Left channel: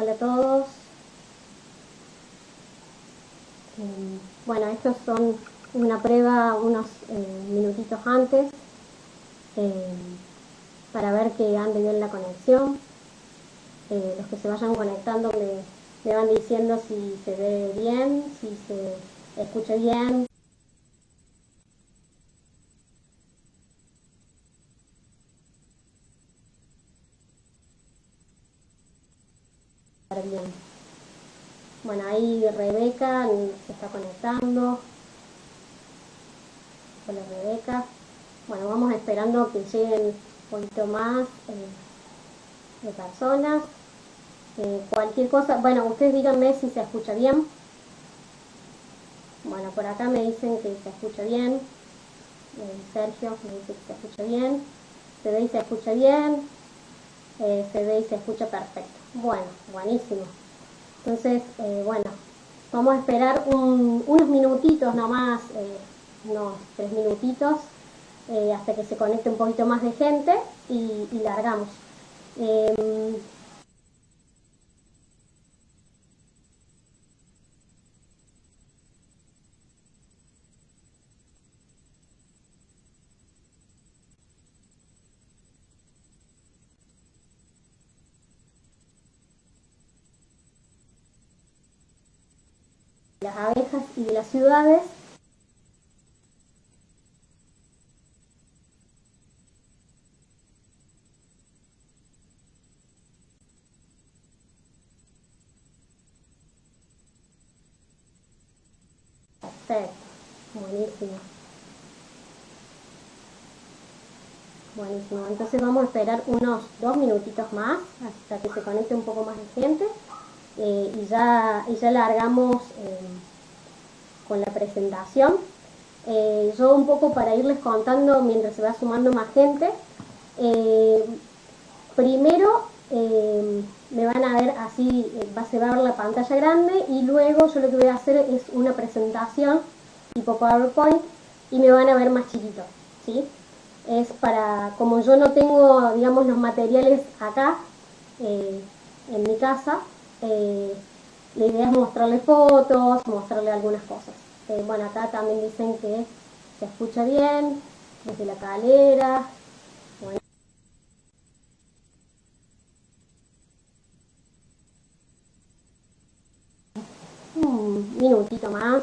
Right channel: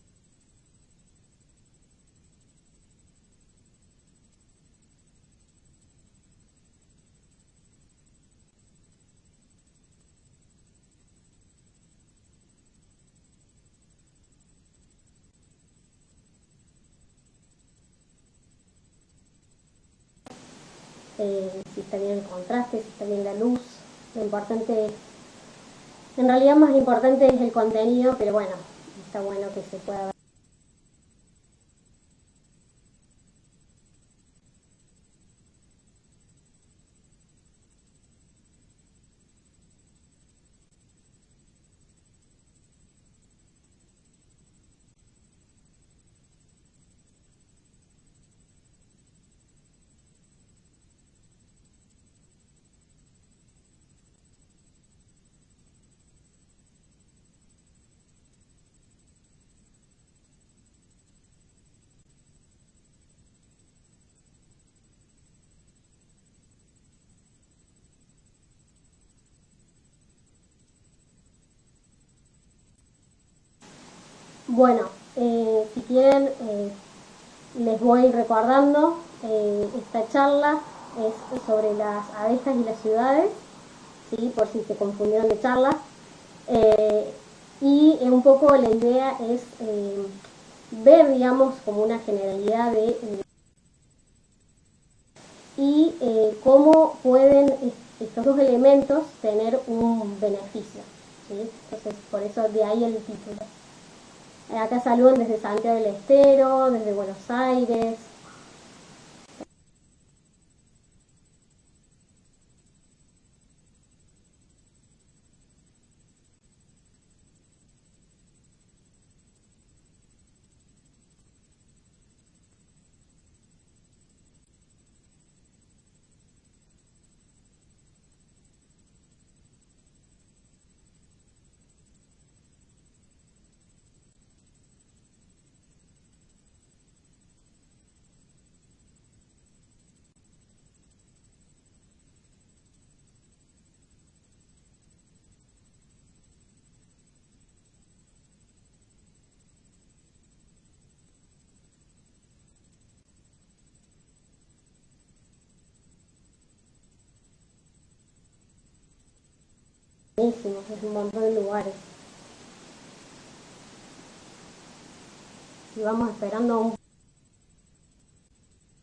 Hola a todos. Bueno, estos son una prueba unos minutitos antes eh, para ver que ande bien la conexión. Los que se vayan conectando me van diciendo si se ve bien, si se escucha bien, si está bien el contraste, si está bien la luz. Lo importante es, en realidad más importante es el contenido, pero bueno, está bueno que se pueda ver bien. Bueno, ahí Rebeca se está conectando. Hola Rebeca. Bueno, vamos esperando que lleguen un poquito más de personas. Cualquier cosa, bueno, ustedes díganme si se escucha bien. Bueno, por acá me dicen que se escucha bien. Sergio me dice que se escucha bien. Se ve y se escucha bien. Se ve y se escucha perfecto. Bueno, buenísimo. Entonces, bueno, vamos a esperar unos minutitos nomás, unos 3 minutitos, hasta que se conecte un poquito más de gente y largamos. Bueno, si quieren, les voy recordando, esta charla es sobre las abejas y las ciudades, ¿sí? Por si se confundieron de charla. Y un poco la idea es ver, digamos, como una generalidad de las abejas y de las ciudades y cómo pueden estos dos elementos tener un beneficio, ¿sí? Entonces, por eso de ahí el título. Acá saludan desde Santiago del Estero, desde Buenos Aires. Perfecto, buenísimo. Buenísimo, entonces vamos a esperar unos 2 minutitos más hasta que se conecte un poco más de gente y ya largamos con la presentación. Yo un poco para irles contando mientras se va sumando más gente. Primero me van a ver así, se va a ver la pantalla grande y luego yo lo que voy a hacer es una presentación tipo PowerPoint y me van a ver más chiquito, ¿sí? Es para, como yo no tengo, digamos, los materiales acá en mi casa, la idea es mostrarle fotos, mostrarle algunas cosas. Bueno, acá también dicen que se escucha bien, desde la calera, buenísimo, es un montón de lugares. Y vamos esperando un minutito más.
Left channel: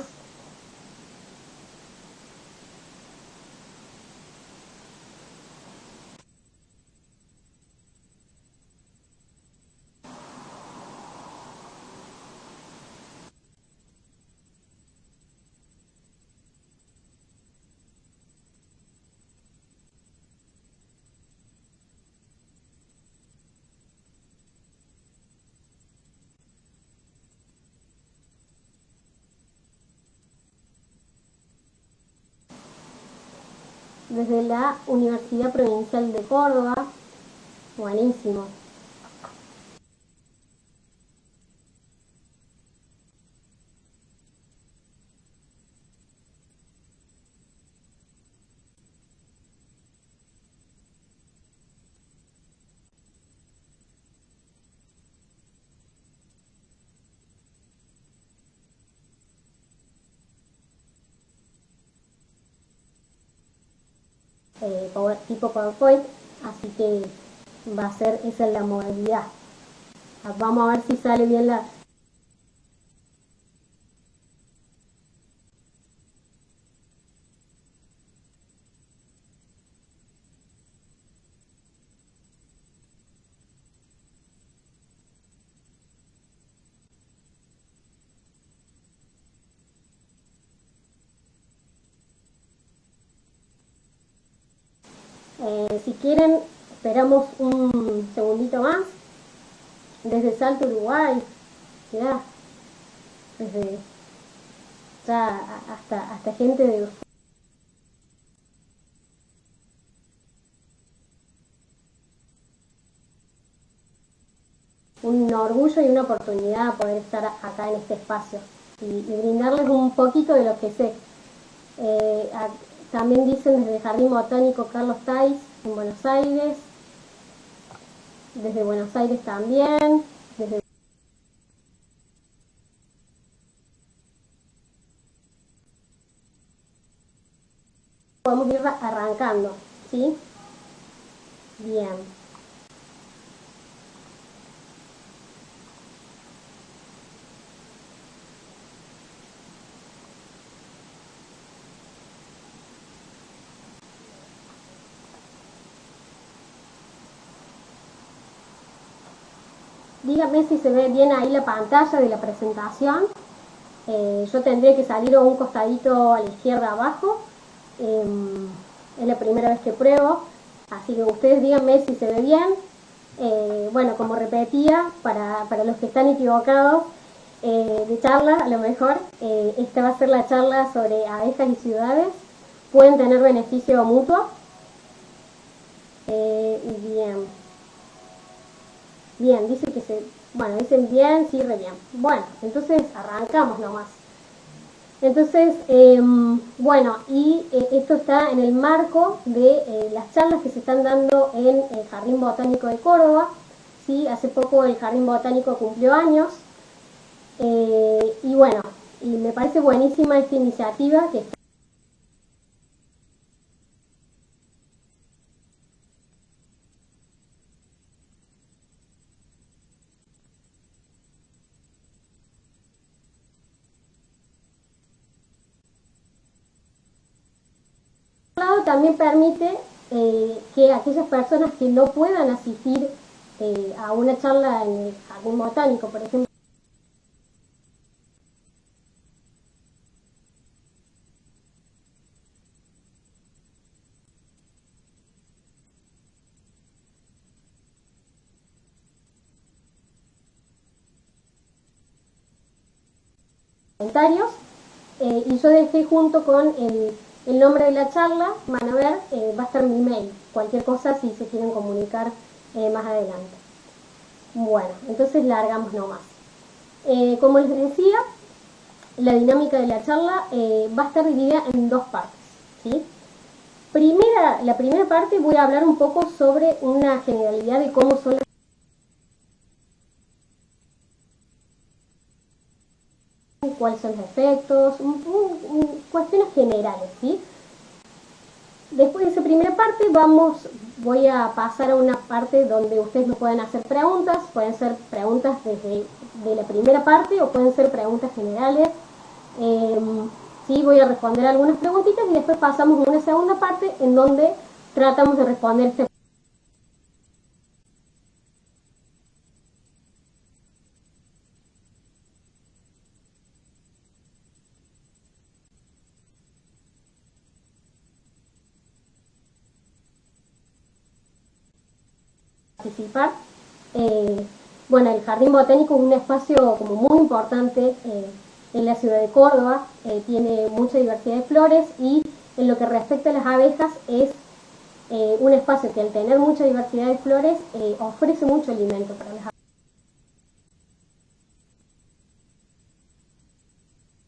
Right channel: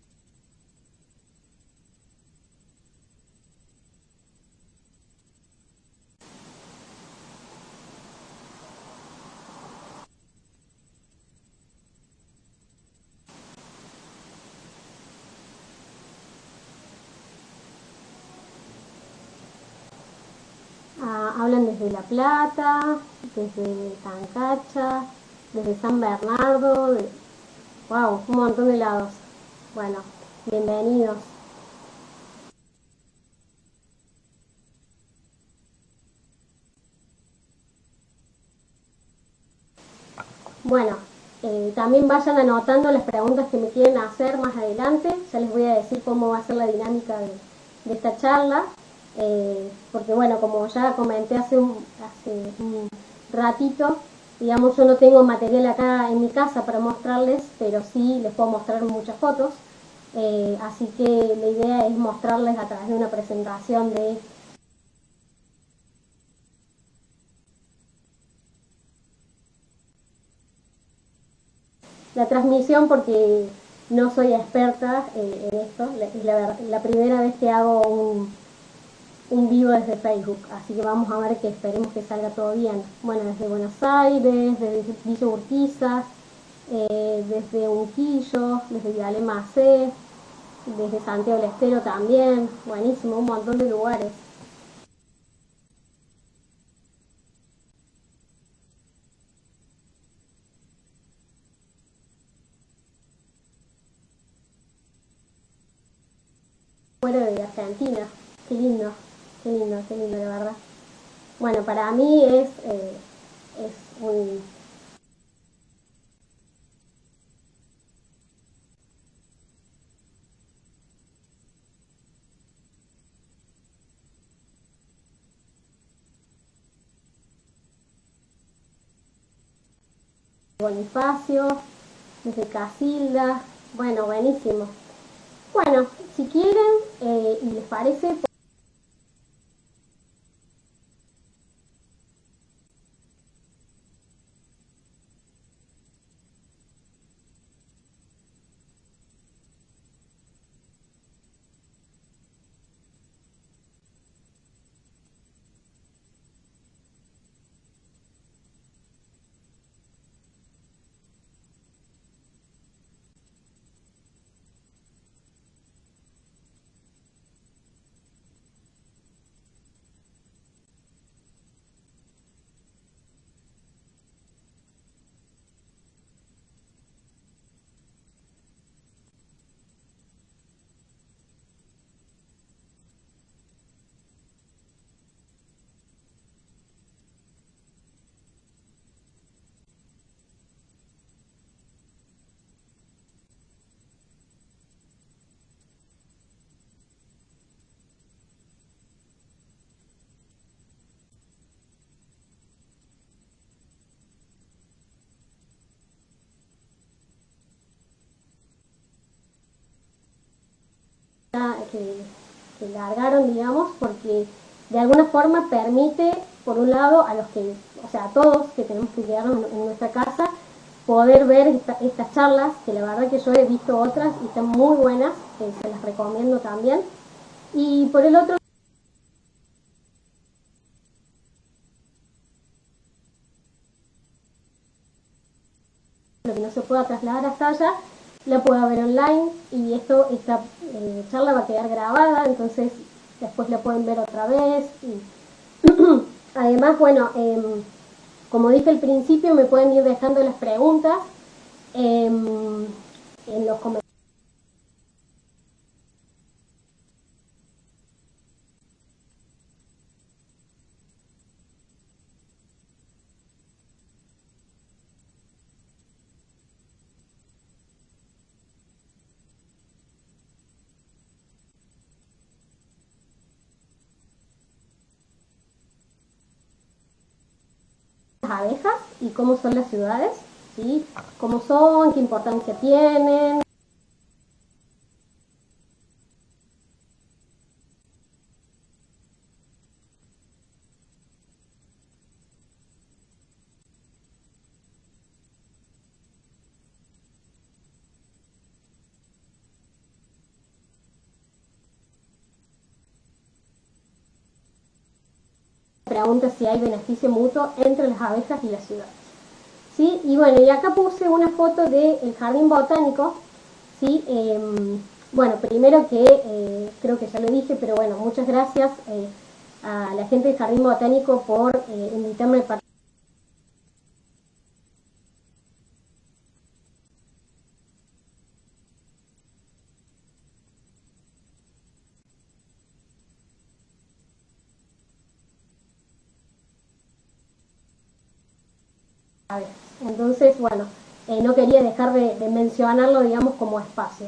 Hablan desde La Plata, desde Tancacha, desde San Bernardo, wow, un montón de lados. Bueno, bienvenidos. Desde la Universidad Provincial de Córdoba, buenísimo. Bueno, también vayan anotando las preguntas que me quieren hacer más adelante. Ya les voy a decir cómo va a ser la dinámica de esta charla. Porque bueno, como ya comenté hace un ratito, digamos, yo no tengo material acá en mi casa para mostrarles, pero sí les puedo mostrar muchas fotos. Así que la idea es mostrarles a través de una presentación de tipo PowerPoint. Así que va a ser esa la modalidad. Vamos a ver si sale bien la transmisión porque no soy experta en esto. Es la primera vez que hago un vivo desde Facebook, así que vamos a ver que esperemos que salga todo bien. Bueno, desde Buenos Aires, desde Villa Urquiza, desde Unquillo, desde Viale-Macé, desde Santiago del Estero también, buenísimo, un montón de lugares. Si quieren, esperamos un segundito más. Desde Salto, Uruguay, mirá, desde ya hasta gente de fuera de Argentina, qué lindo, qué lindo, qué lindo, la verdad. Bueno, para mí es un orgullo y una oportunidad poder estar acá en este espacio y brindarles un poquito de lo que sé. También dicen desde el Jardín Botánico Carlos Tais en Buenos Aires, desde Buenos Aires también, desde Bonifacio, desde Casilda. Bueno, buenísimo. Bueno, si quieren y les parece, podemos ir arrancando, ¿sí? Bien. Dígame si se ve bien ahí la pantalla de la presentación. Yo tendría que salir un costadito a la izquierda abajo. Es la primera vez que pruebo, así que ustedes díganme si se ve bien. Bueno, como repetía, para los que están equivocados de charla, a lo mejor esta va a ser la charla sobre abejas y ciudades. Pueden tener beneficio mutuo. Bien. Bien, dice que bueno, dicen bien, sí, re bien. Bueno, entonces arrancamos nomás. Entonces, bueno, y esto está en el marco de las charlas que se están dando en el Jardín Botánico de Córdoba. ¿Sí? Hace poco el Jardín Botánico cumplió años. Y bueno, y me parece buenísima esta iniciativa que largaron, digamos, porque de alguna forma permite, por un lado, a los que, o sea, a todos que tenemos que quedarnos en nuestra casa, poder ver estas charlas, que la verdad que yo he visto otras y están muy buenas, se las recomiendo también. Y por el otro lado también permite que aquellas personas que no puedan asistir a una charla en el Jardín Botánico, por ejemplo, que no se pueda trasladar hasta allá, la pueda ver online y esta charla va a quedar grabada, entonces después la pueden ver otra vez. Y además, bueno, como dije al principio, me pueden ir dejando las preguntas en los comentarios y yo dejé junto con el nombre de la charla, van a ver, va a estar mi mail, cualquier cosa si se quieren comunicar más adelante. Bueno, entonces largamos nomás. Como les decía, la dinámica de la charla va a estar dividida en dos partes, ¿sí? La primera parte voy a hablar un poco sobre una generalidad de cómo son las abejas y cómo son las ciudades, ¿sí? Cómo son, qué importancia tienen, cuáles son los efectos, cuestiones generales, ¿sí? Después de esa primera parte voy a pasar a una parte donde ustedes me pueden hacer preguntas, pueden ser preguntas de la primera parte o pueden ser preguntas generales. Sí, voy a responder algunas preguntitas y después pasamos a una segunda parte en donde tratamos de responder esta pregunta si hay beneficio mutuo entre las abejas y las ciudades. ¿Sí? Y bueno, y acá puse una foto del Jardín Botánico, ¿sí? Bueno, primero que creo que ya lo dije, pero bueno, muchas gracias a la gente del Jardín Botánico por invitarme a participar. Bueno, el Jardín Botánico es un espacio como muy importante en la ciudad de Córdoba, tiene mucha diversidad de flores y en lo que respecta a las abejas es un espacio que al tener mucha diversidad de flores ofrece mucho alimento para las abejas. Entonces, bueno, no quería dejar de mencionarlo, digamos, como espacio.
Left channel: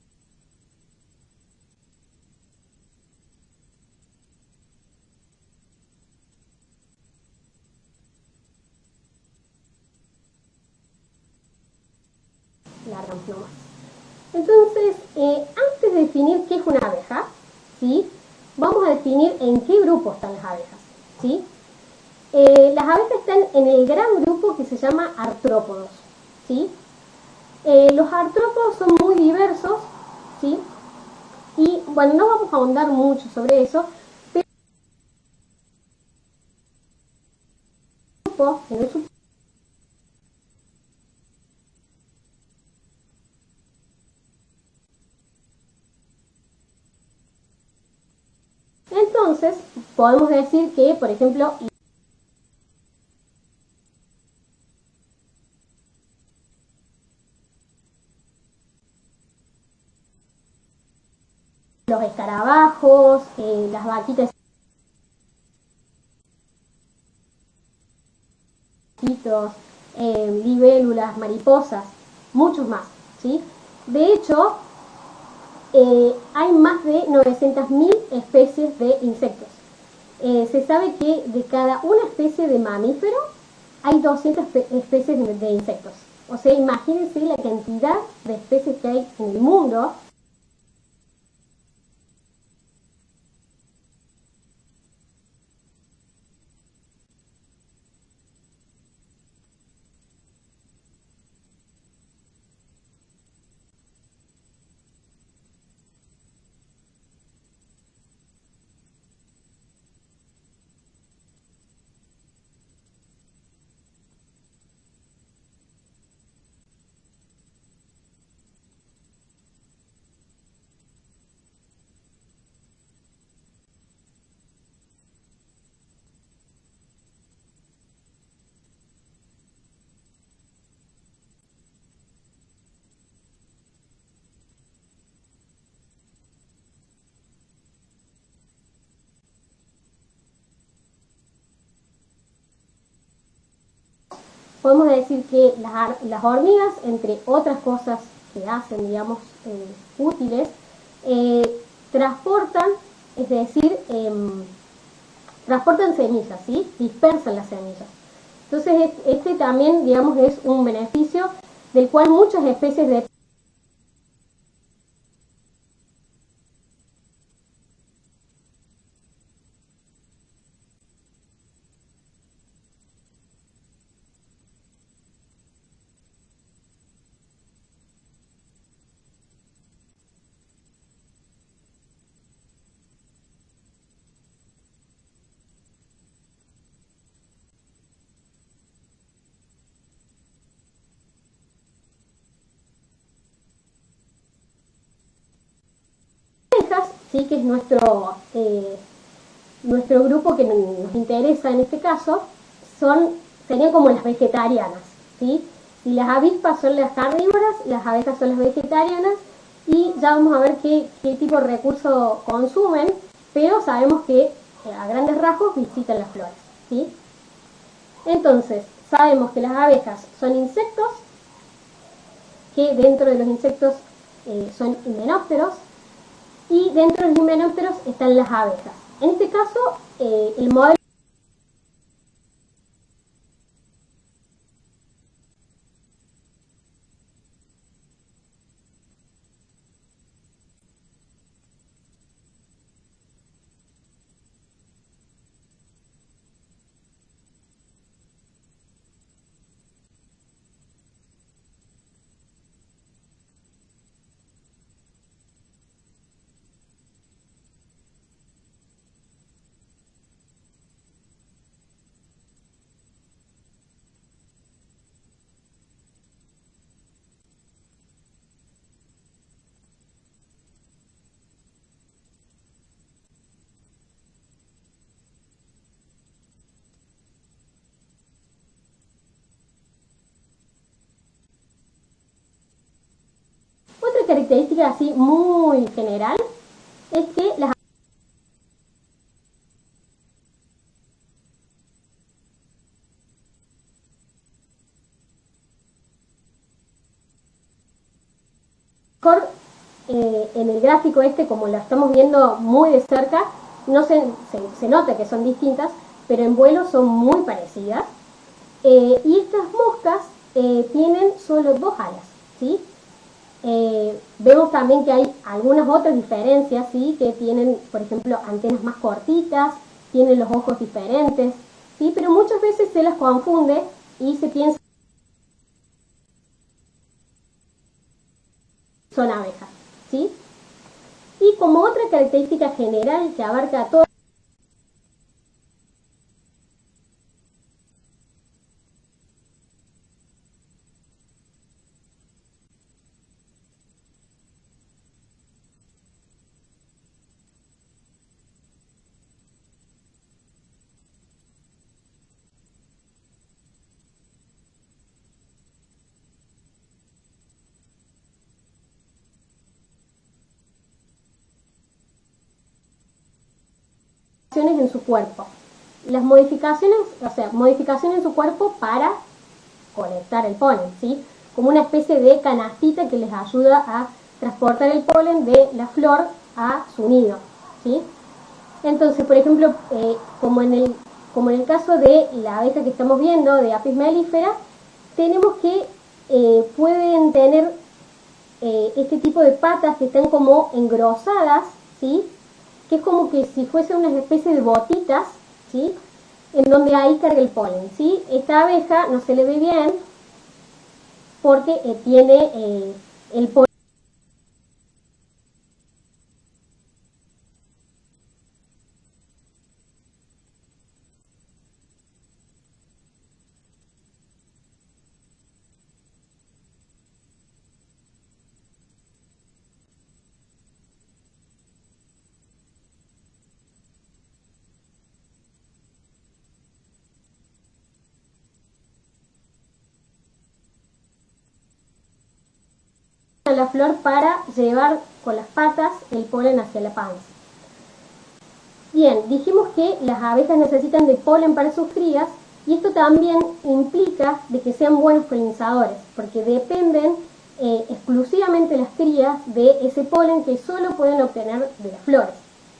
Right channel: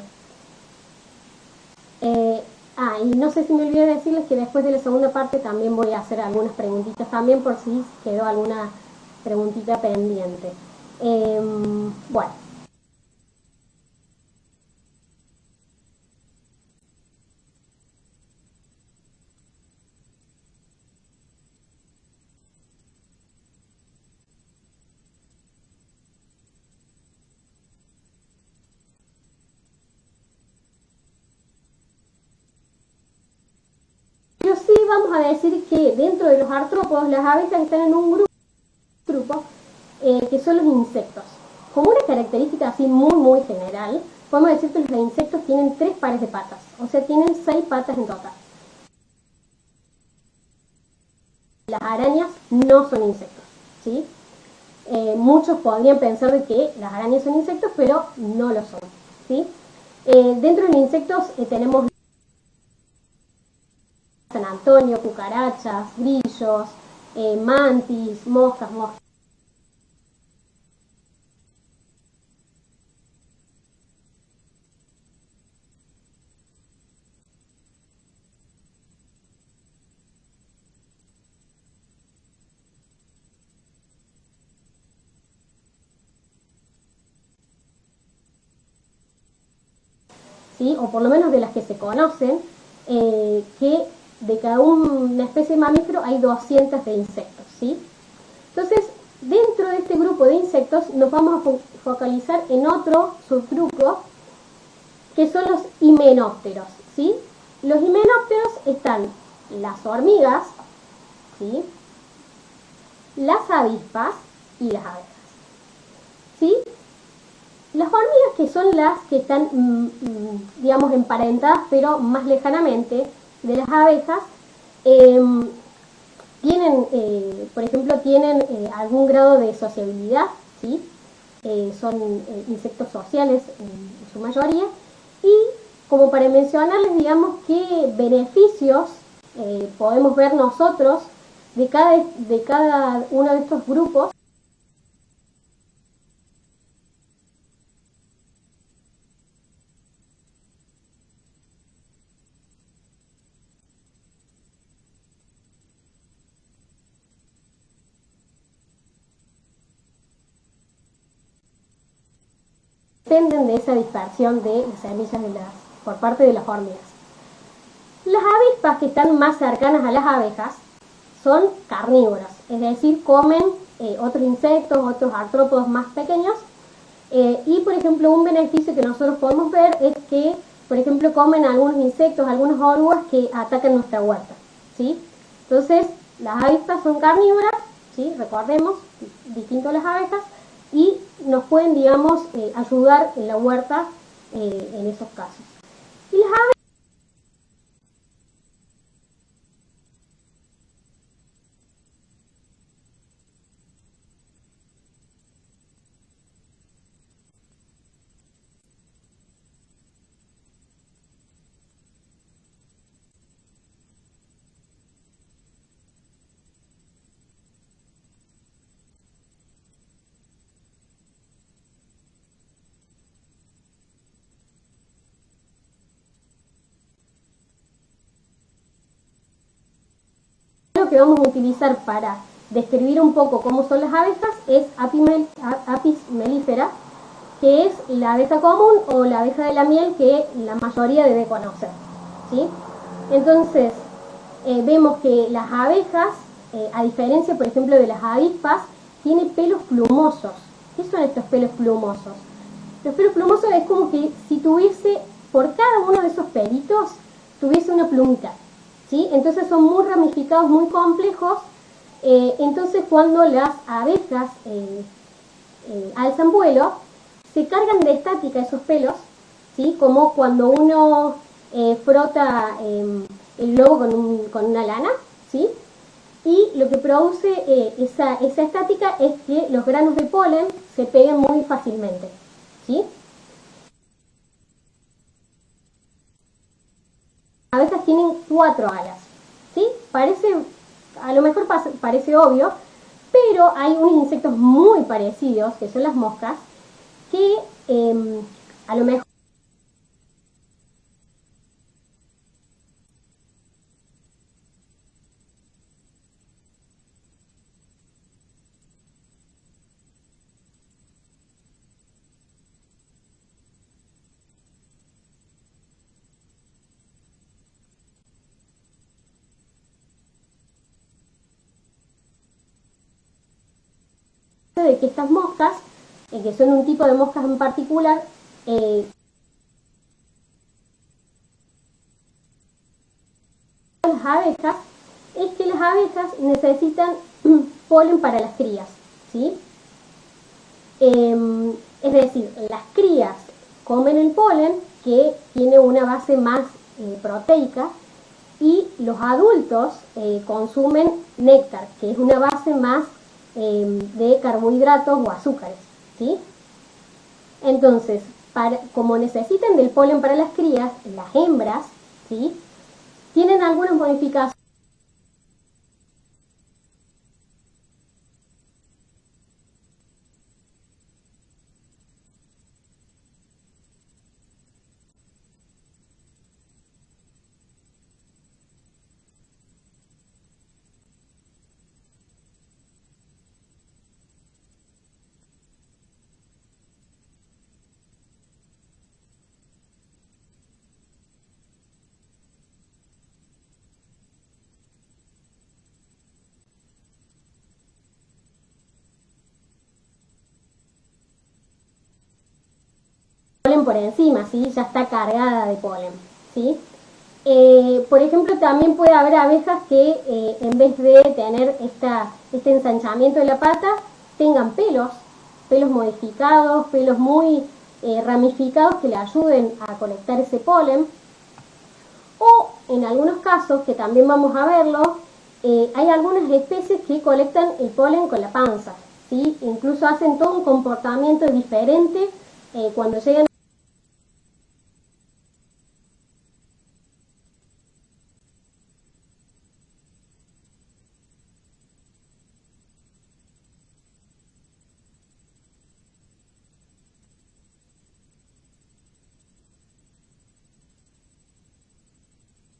Y no sé si me olvidé decirles que después de la segunda parte también voy a hacer algunas preguntitas también por si quedó alguna preguntita pendiente. Bueno, largamos nomás. Entonces, antes de definir qué es una abeja, ¿sí? Vamos a definir en qué grupo están las abejas, ¿sí? Las abejas están en el gran grupo que se llama artrópodos, ¿sí? Los artrópodos son muy diversos, ¿sí? Y bueno, no vamos a ahondar mucho sobre eso, pero sí vamos a decir que dentro de los artrópodos las abejas están en un grupo, en un subgrupo, que son los insectos. Como una característica así muy general, podemos decir que los insectos tienen 3 pares de patas, o sea, tienen 6 patas en total. Entonces, podemos decir que, por ejemplo, las arañas no son insectos, ¿sí? Muchos podrían pensar de que las arañas son insectos, pero no lo son, ¿sí? Dentro de los insectos tenemos los escarabajos, las vaquitas de San Antonio, cucarachas, grillos, mantis, moscas, mosquitos, libélulas, mariposas, muchos más, ¿sí? De hecho, hay más de 900.000 especies de insectos. Se sabe que de cada una especie de mamífero hay 200 especies de insectos, O sea, imagínense la cantidad de especies que hay en el mundo, ¿sí? O por lo menos de las que se conocen, que de cada una especie de mamífero hay 200 de insectos, ¿sí? Entonces, dentro de este grupo de insectos nos vamos a focalizar en otro subgrupo, que son los himenópteros, ¿sí? Los himenópteros están las hormigas, ¿sí? Las avispas y las abejas, ¿sí? Las hormigas, que son las que están, digamos, emparentadas, pero más lejanamente de las abejas, tienen, por ejemplo, tienen algún grado de sociabilidad, ¿sí? Son insectos sociales en su mayoría, y como para mencionarles, digamos, qué beneficios podemos ver nosotros de cada uno de estos grupos. Podemos decir que las hormigas, entre otras cosas que hacen, digamos, útiles, transportan, es decir, transportan semillas, ¿sí? Dispersan las semillas. Entonces, este también, digamos, es un beneficio del cual muchas especies dependen de esa dispersión de las semillas por parte de las hormigas. Las avispas, que están más cercanas a las abejas, son carnívoras, es decir, comen otros insectos, otros artrópodos más pequeños, y por ejemplo un beneficio que nosotros podemos ver es que, por ejemplo, comen algunos insectos, algunas orugas que atacan nuestra huerta, ¿sí? Entonces, las avispas son carnívoras, ¿sí? Recordemos, distinto a las abejas, y nos pueden, digamos, ayudar en la huerta en esos casos. Y las abejas, ¿sí? Que es nuestro grupo que nos interesa en este caso, serían como las vegetarianas, ¿sí? Si las avispas son las carnívoras, las abejas son las vegetarianas, y ya vamos a ver qué tipo de recursos consumen, pero sabemos que a grandes rasgos visitan las flores, ¿sí? Entonces, sabemos que las abejas son insectos, que dentro de los insectos son himenópteros, y dentro de los himenópteros están las abejas. En este caso, el modelo que vamos a utilizar para describir un poco cómo son las abejas es Apis mellifera, que es la abeja común o la abeja de la miel que la mayoría debe conocer, ¿sí? Entonces, vemos que las abejas, a diferencia, por ejemplo, de las avispas, tienen pelos plumosos. ¿Qué son estos pelos plumosos? Los pelos plumosos es como que si tuviese, por cada uno de esos pelitos, tuviese una plumita, ¿sí? Entonces son muy ramificados, muy complejos. Entonces, cuando las abejas alzan vuelo, se cargan de estática esos pelos, ¿sí? Como cuando uno frota el globo con una lana, ¿sí? Y lo que produce esa estática es que los granos de polen se peguen muy fácilmente, ¿sí? Otra característica así muy general es que las abejas tienen 4 alas, ¿sí? A lo mejor parece obvio, pero hay unos insectos muy parecidos, que son las moscas, que a lo mejor en el gráfico como lo estamos viendo muy de cerca, no se nota que son distintas, pero en vuelo son muy parecidas. Y estas moscas tienen solo 2 alas, ¿sí? Vemos también que hay algunas otras diferencias, ¿sí? Que tienen, por ejemplo, antenas más cortitas, tienen los ojos diferentes, ¿sí? Pero muchas veces se las confunde y se piensa de que estas moscas, que son un tipo de moscas en particular, son abejas, ¿sí? Y como otra característica general que abarca a todas las abejas, es que las abejas necesitan polen para las crías, ¿sí? Es decir, las crías comen el polen, que tiene una base más proteica, y los adultos consumen néctar, que es una base más de carbohidratos o azúcares, ¿sí? Entonces, como necesitan del polen para las crías, las hembras, ¿sí? Tienen algunas modificaciones en su cuerpo. Las modificaciones en su cuerpo para colectar el polen, ¿sí? Como una especie de canastita que les ayuda a transportar el polen de la flor a su nido, ¿sí? Entonces, por ejemplo, como en el caso de la abeja que estamos viendo, de Apis mellifera, tenemos que pueden tener este tipo de patas que están como engrosadas, ¿sí? Que es como que si fuese una especie de botitas, ¿sí? En donde ahí carga el polen, ¿sí? Esta abeja no se le ve bien porque tiene el polen por encima, ¿sí? Ya está cargada de polen, ¿sí? Por ejemplo, también puede haber abejas que en vez de tener este ensanchamiento de la pata, tengan pelos modificados, pelos muy ramificados que le ayuden a colectar ese polen. O en algunos casos, que también vamos a verlo, hay algunas especies que colectan el polen con la panza, ¿sí? Incluso hacen todo un comportamiento diferente cuando llegan a la flor para llevar con las patas el polen hacia la panza. Bien, dijimos que las abejas necesitan de polen para sus crías y esto también implica de que sean buenos polinizadores, porque dependen exclusivamente las crías de ese polen que solo pueden obtener de las flores,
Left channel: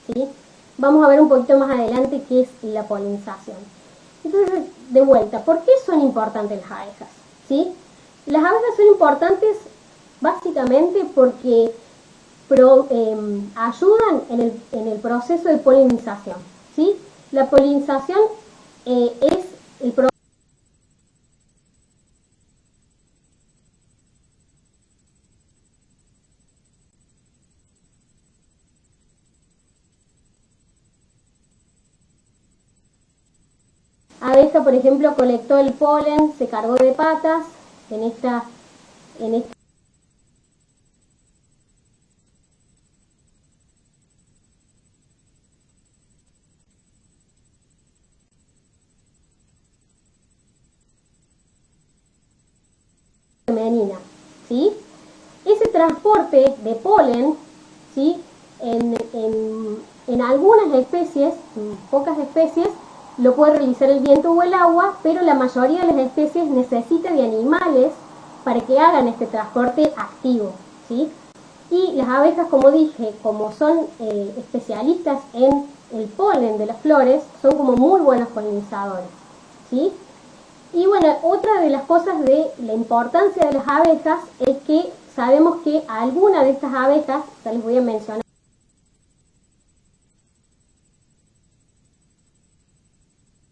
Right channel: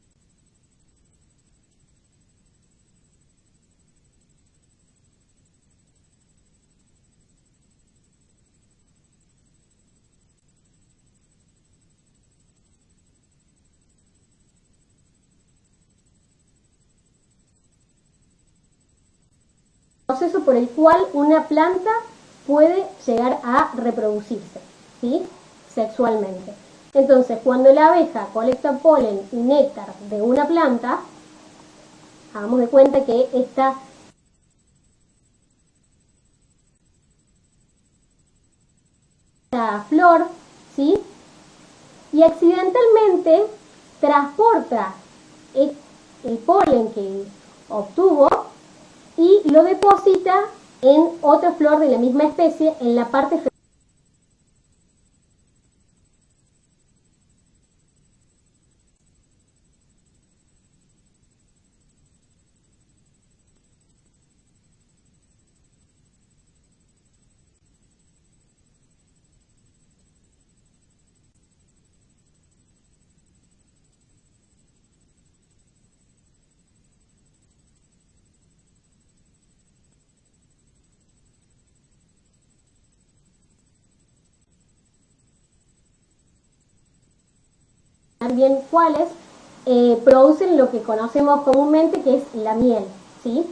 ¿sí? Vamos a ver un poquito más adelante qué es la polinización. Entonces, de vuelta, ¿por qué son importantes las abejas? ¿Sí? Las abejas son importantes básicamente porque ayudan en el proceso de polinización, ¿sí? La polinización es el proceso por el cual una planta puede llegar a reproducirse, ¿sí? Sexualmente. Entonces, cuando la abeja colecta polen y néctar de una planta, hagamos de cuenta que esta abeja, por ejemplo, colectó el polen, se cargó de patas en esta flor, ¿sí? Y accidentalmente transporta el polen que obtuvo y lo deposita en otra flor de la misma especie en la parte femenina, ¿sí? Ese transporte de polen, ¿sí? En algunas especies, en pocas especies, lo puede realizar el viento o el agua, pero la mayoría de las especies necesita de animales para que hagan este transporte activo, ¿sí? Y las abejas, como dije, como son especialistas en el polen de las flores, son como muy buenos polinizadores, ¿sí? Y bueno, otra de las cosas de la importancia de las abejas es que sabemos que algunas de estas abejas, ya les voy a mencionar bien cuáles, producen lo que conocemos comúnmente que es la miel, ¿sí?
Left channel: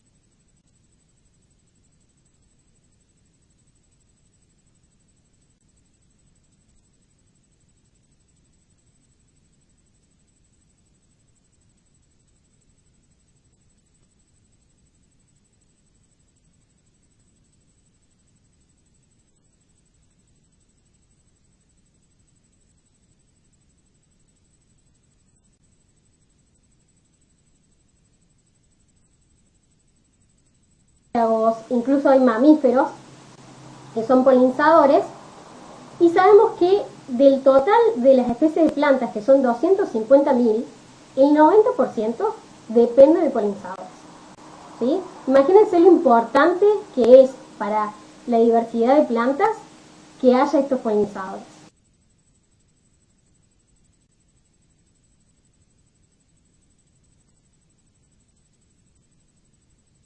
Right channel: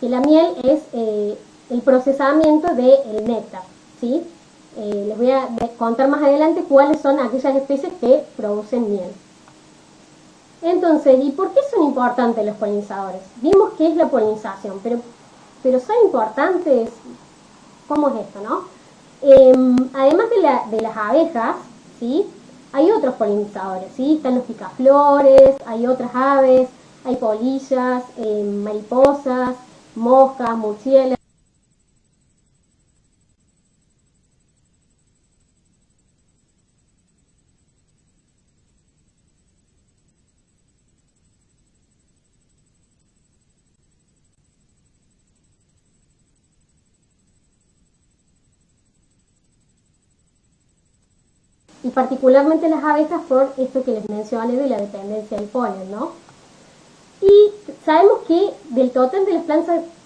Que la miel es el procesamiento del néctar, ¿sí? Les voy a contar más adelante cuáles son aquellas especies que producen miel. Entonces, ¿y por qué son importantes los polinizadores? Vimos qué es la polinización, pero son importantes. ¿Cómo es esto, no? Además de las abejas, ¿sí? Hay otros polinizadores, ¿sí? Están los picaflores, hay otras aves, hay polillas, mariposas, moscas, murciélagos, incluso hay mamíferos que son polinizadores. Y sabemos que del total de las especies de plantas, que son 250.000, el 90% depende de polinizadores, ¿sí? Imagínense lo importante que es para la diversidad de plantas que haya estos polinizadores. Y particularmente las abejas por esto que les mencioné de la dependencia del polen, ¿no? Y sabemos que del total de las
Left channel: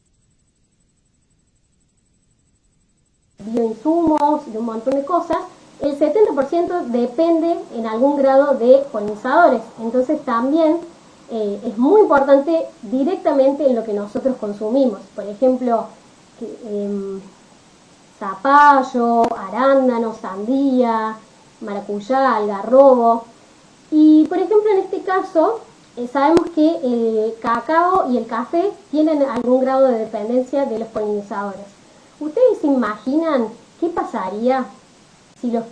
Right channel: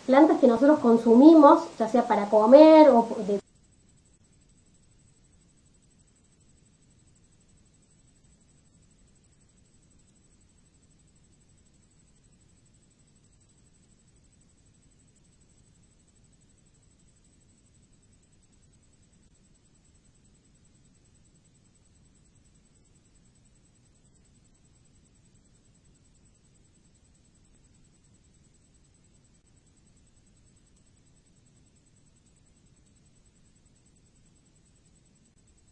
plantas que nosotros consumimos, ya sea para comer o de bioinsumos, de un montón de cosas, el 70% depende en algún grado de polinizadores. Entonces también es muy importante directamente en lo que nosotros consumimos. Por ejemplo, zapallo, arándano, sandía, maracuyá, algarrobo. Y por ejemplo en este caso sabemos que el cacao y el café tienen algún grado de dependencia de los polinizadores. ¿Ustedes se imaginan qué pasaría si las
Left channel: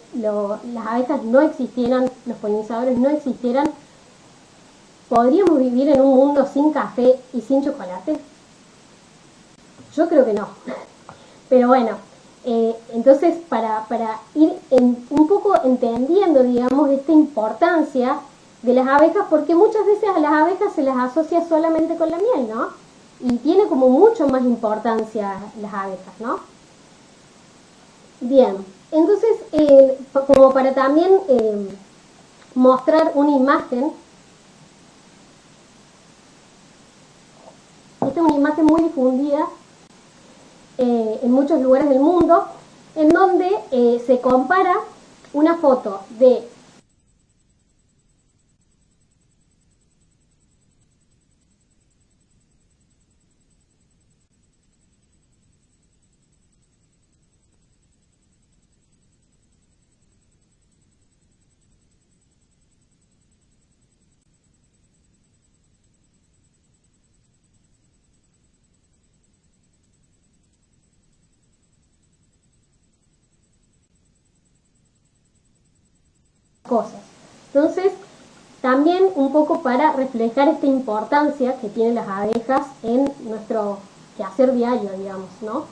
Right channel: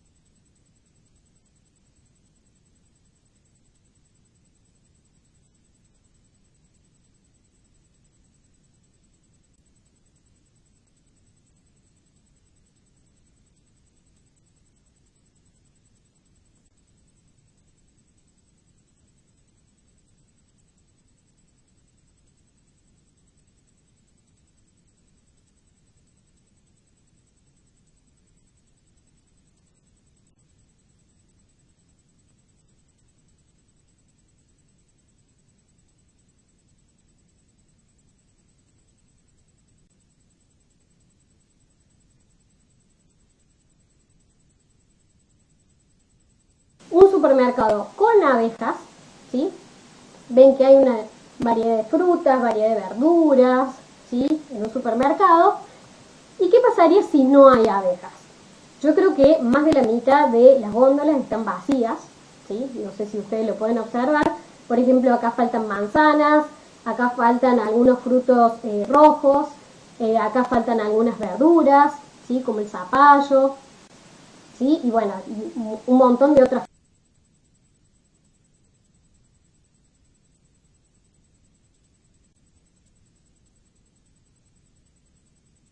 abejas no existieran, los polinizadores no existieran? ¿Podríamos vivir en un mundo sin café y sin chocolate? Yo creo que no. Pero bueno, entonces para ir un poco entendiendo, digamos, esta importancia de las abejas, porque muchas veces a las abejas se las asocia solamente con la miel, ¿no? Y tiene como mucho más importancia las abejas, ¿no? Bien, entonces, como para también mostrar una imagen, esta es una imagen muy difundida en muchos lugares del mundo, en donde se compara una foto de un supermercado con abejas, ¿sí? Ven que hay una variedad de frutas, variedad de verduras, ¿sí? En un supermercado. ¿Y qué pasaría si no hay abejas? Yo creo que más de la mitad de las góndolas están vacías, ¿sí? No sé si ustedes lo pueden observar. Por ejemplo, acá faltan manzanas, acá faltan algunos frutos rojos, acá faltan algunas verduras, ¿sí? Como el zapallo, ¿sí? Y bueno, un montón de otras cosas. Entonces, también un poco para reflejar esta importancia que tienen las abejas en nuestro quehacer diario, digamos, ¿no?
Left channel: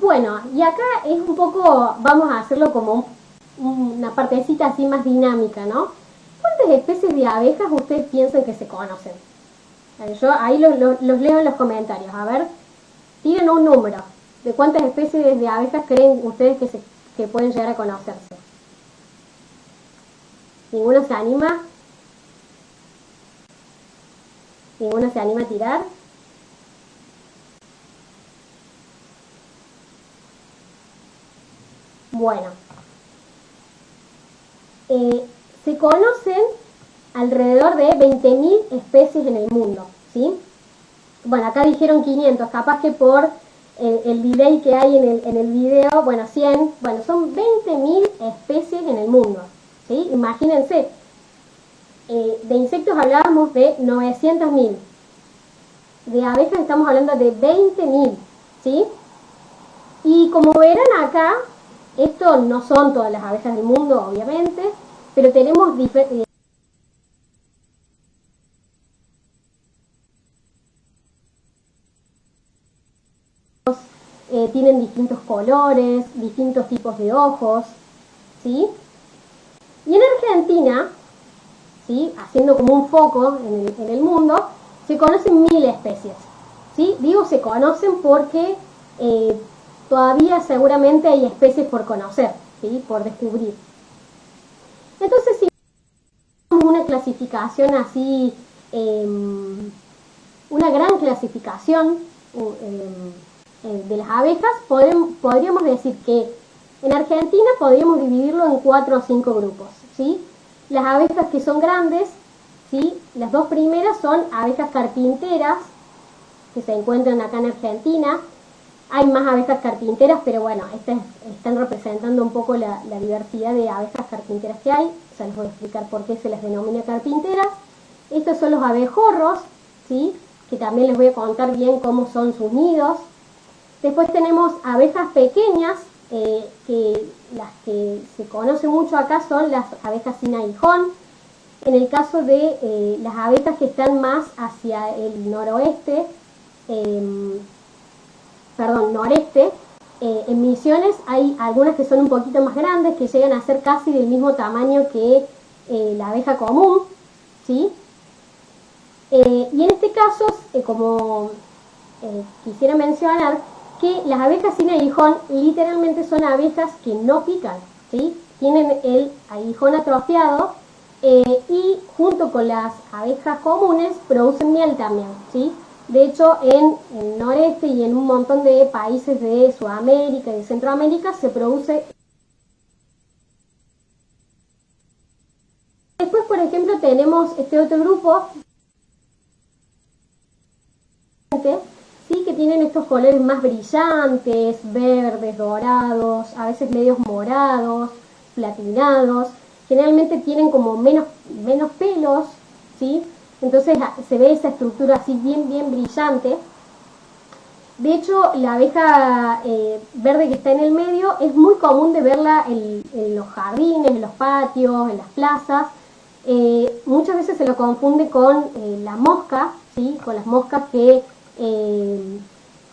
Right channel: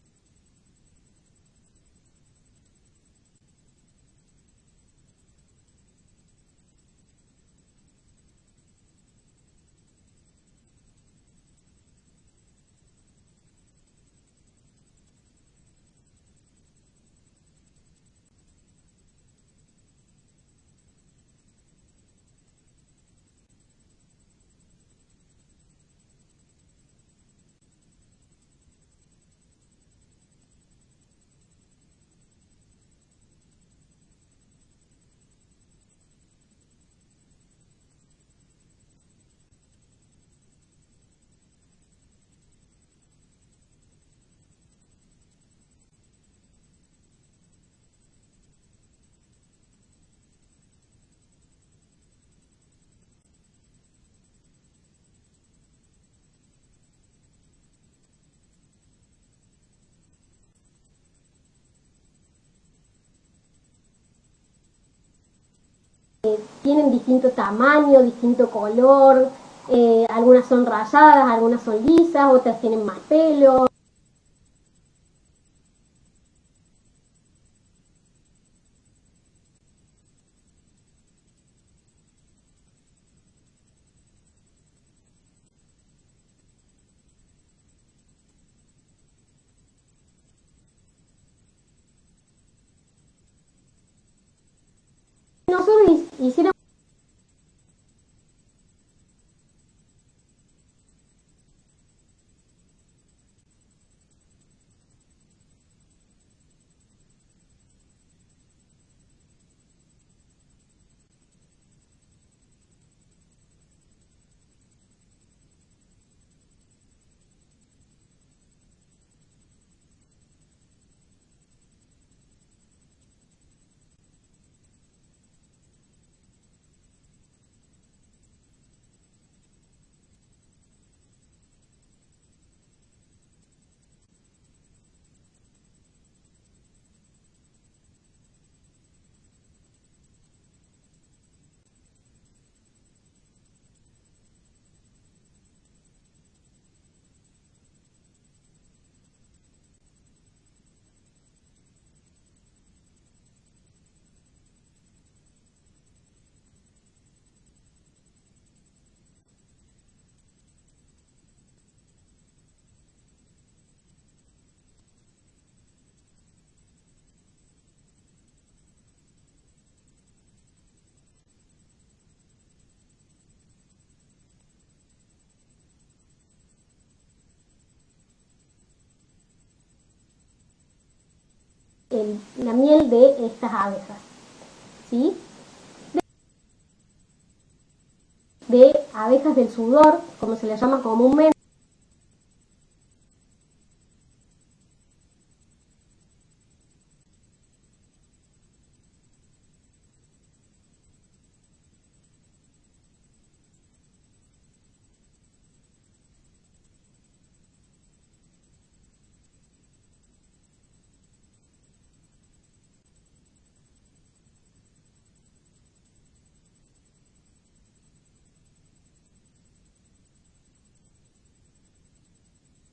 Bueno, y acá es un poco, vamos a hacerlo como una partecita así más dinámica, ¿no? ¿Cuántas especies de abejas ustedes piensan que se conocen? Yo ahí los leo en los comentarios. A ver, tienen un número de cuántas especies de abejas creen ustedes que pueden llegar a conocerse. ¿Ninguno se anima? ¿Ninguno se anima a tirar? Bueno, se conocen alrededor de 20.000 especies en el mundo, ¿sí? Bueno, acá dijeron 500, capaz que por el delay que hay en el video, bueno, 100, bueno, son 20.000 especies en el mundo, ¿sí? Imagínense, de insectos hablábamos de 900.000, de abejas estamos hablando de 20.000, ¿sí? Y como verán acá, esto no son todas las abejas del mundo, obviamente, pero tienen distinto tamaño, distinto color, algunas son rayadas, algunas son lisas, otras tienen más pelos, tienen distintos colores, distintos tipos de ojos, ¿sí? Y en Argentina, ¿sí? Haciendo como un foco en el mundo, se conocen 1.000 especies, ¿sí? Digo se conocen porque todavía seguramente hay especies por conocer, ¿sí? Por descubrir. Entonces, si nosotros hiciéramos una clasificación así, una gran clasificación de las abejas, podríamos decir que en Argentina podríamos dividirlo en 4 o 5 grupos, ¿sí? Las abejas que son grandes, ¿sí? Las dos primeras son abejas carpinteras, que se encuentran acá en Argentina. Hay más abejas carpinteras, pero bueno, estas están representando un poco la diversidad de abejas carpinteras que hay. Ya les voy a explicar por qué se las denomina carpinteras. Estos son los abejorros, ¿sí? Que también les voy a contar bien cómo son sus nidos. Después tenemos abejas pequeñas, que las que se conocen mucho acá son las abejas sin aguijón. En el caso de las abejas que están más hacia el noroeste, noreste, en Misiones hay algunas que son un poquito más grandes, que llegan a ser casi del mismo tamaño que la abeja común, ¿sí? Y en este caso, quisiera mencionar que las abejas sin aguijón literalmente son abejas que no pican, ¿sí? Tienen el aguijón atrofiado y junto con las abejas comunes producen miel también, ¿sí? De hecho, en el noreste y en un montón de países de Sudamérica y de Centroamérica se produce la miel de estas abejas, ¿sí? Después, por ejemplo, tenemos este otro grupo de abejas del sudor, como se les llama comúnmente, ¿sí? Que tienen estos colores más brillantes, verdes, dorados, a veces medios morados, platinados. Generalmente tienen como menos pelos, ¿sí? Entonces se ve esa estructura así bien brillante. De hecho, la abeja verde que está en el medio es muy común de verla en los jardines, en los patios, en las plazas. Muchas veces se lo confunde con la mosca, ¿sí? Con las moscas que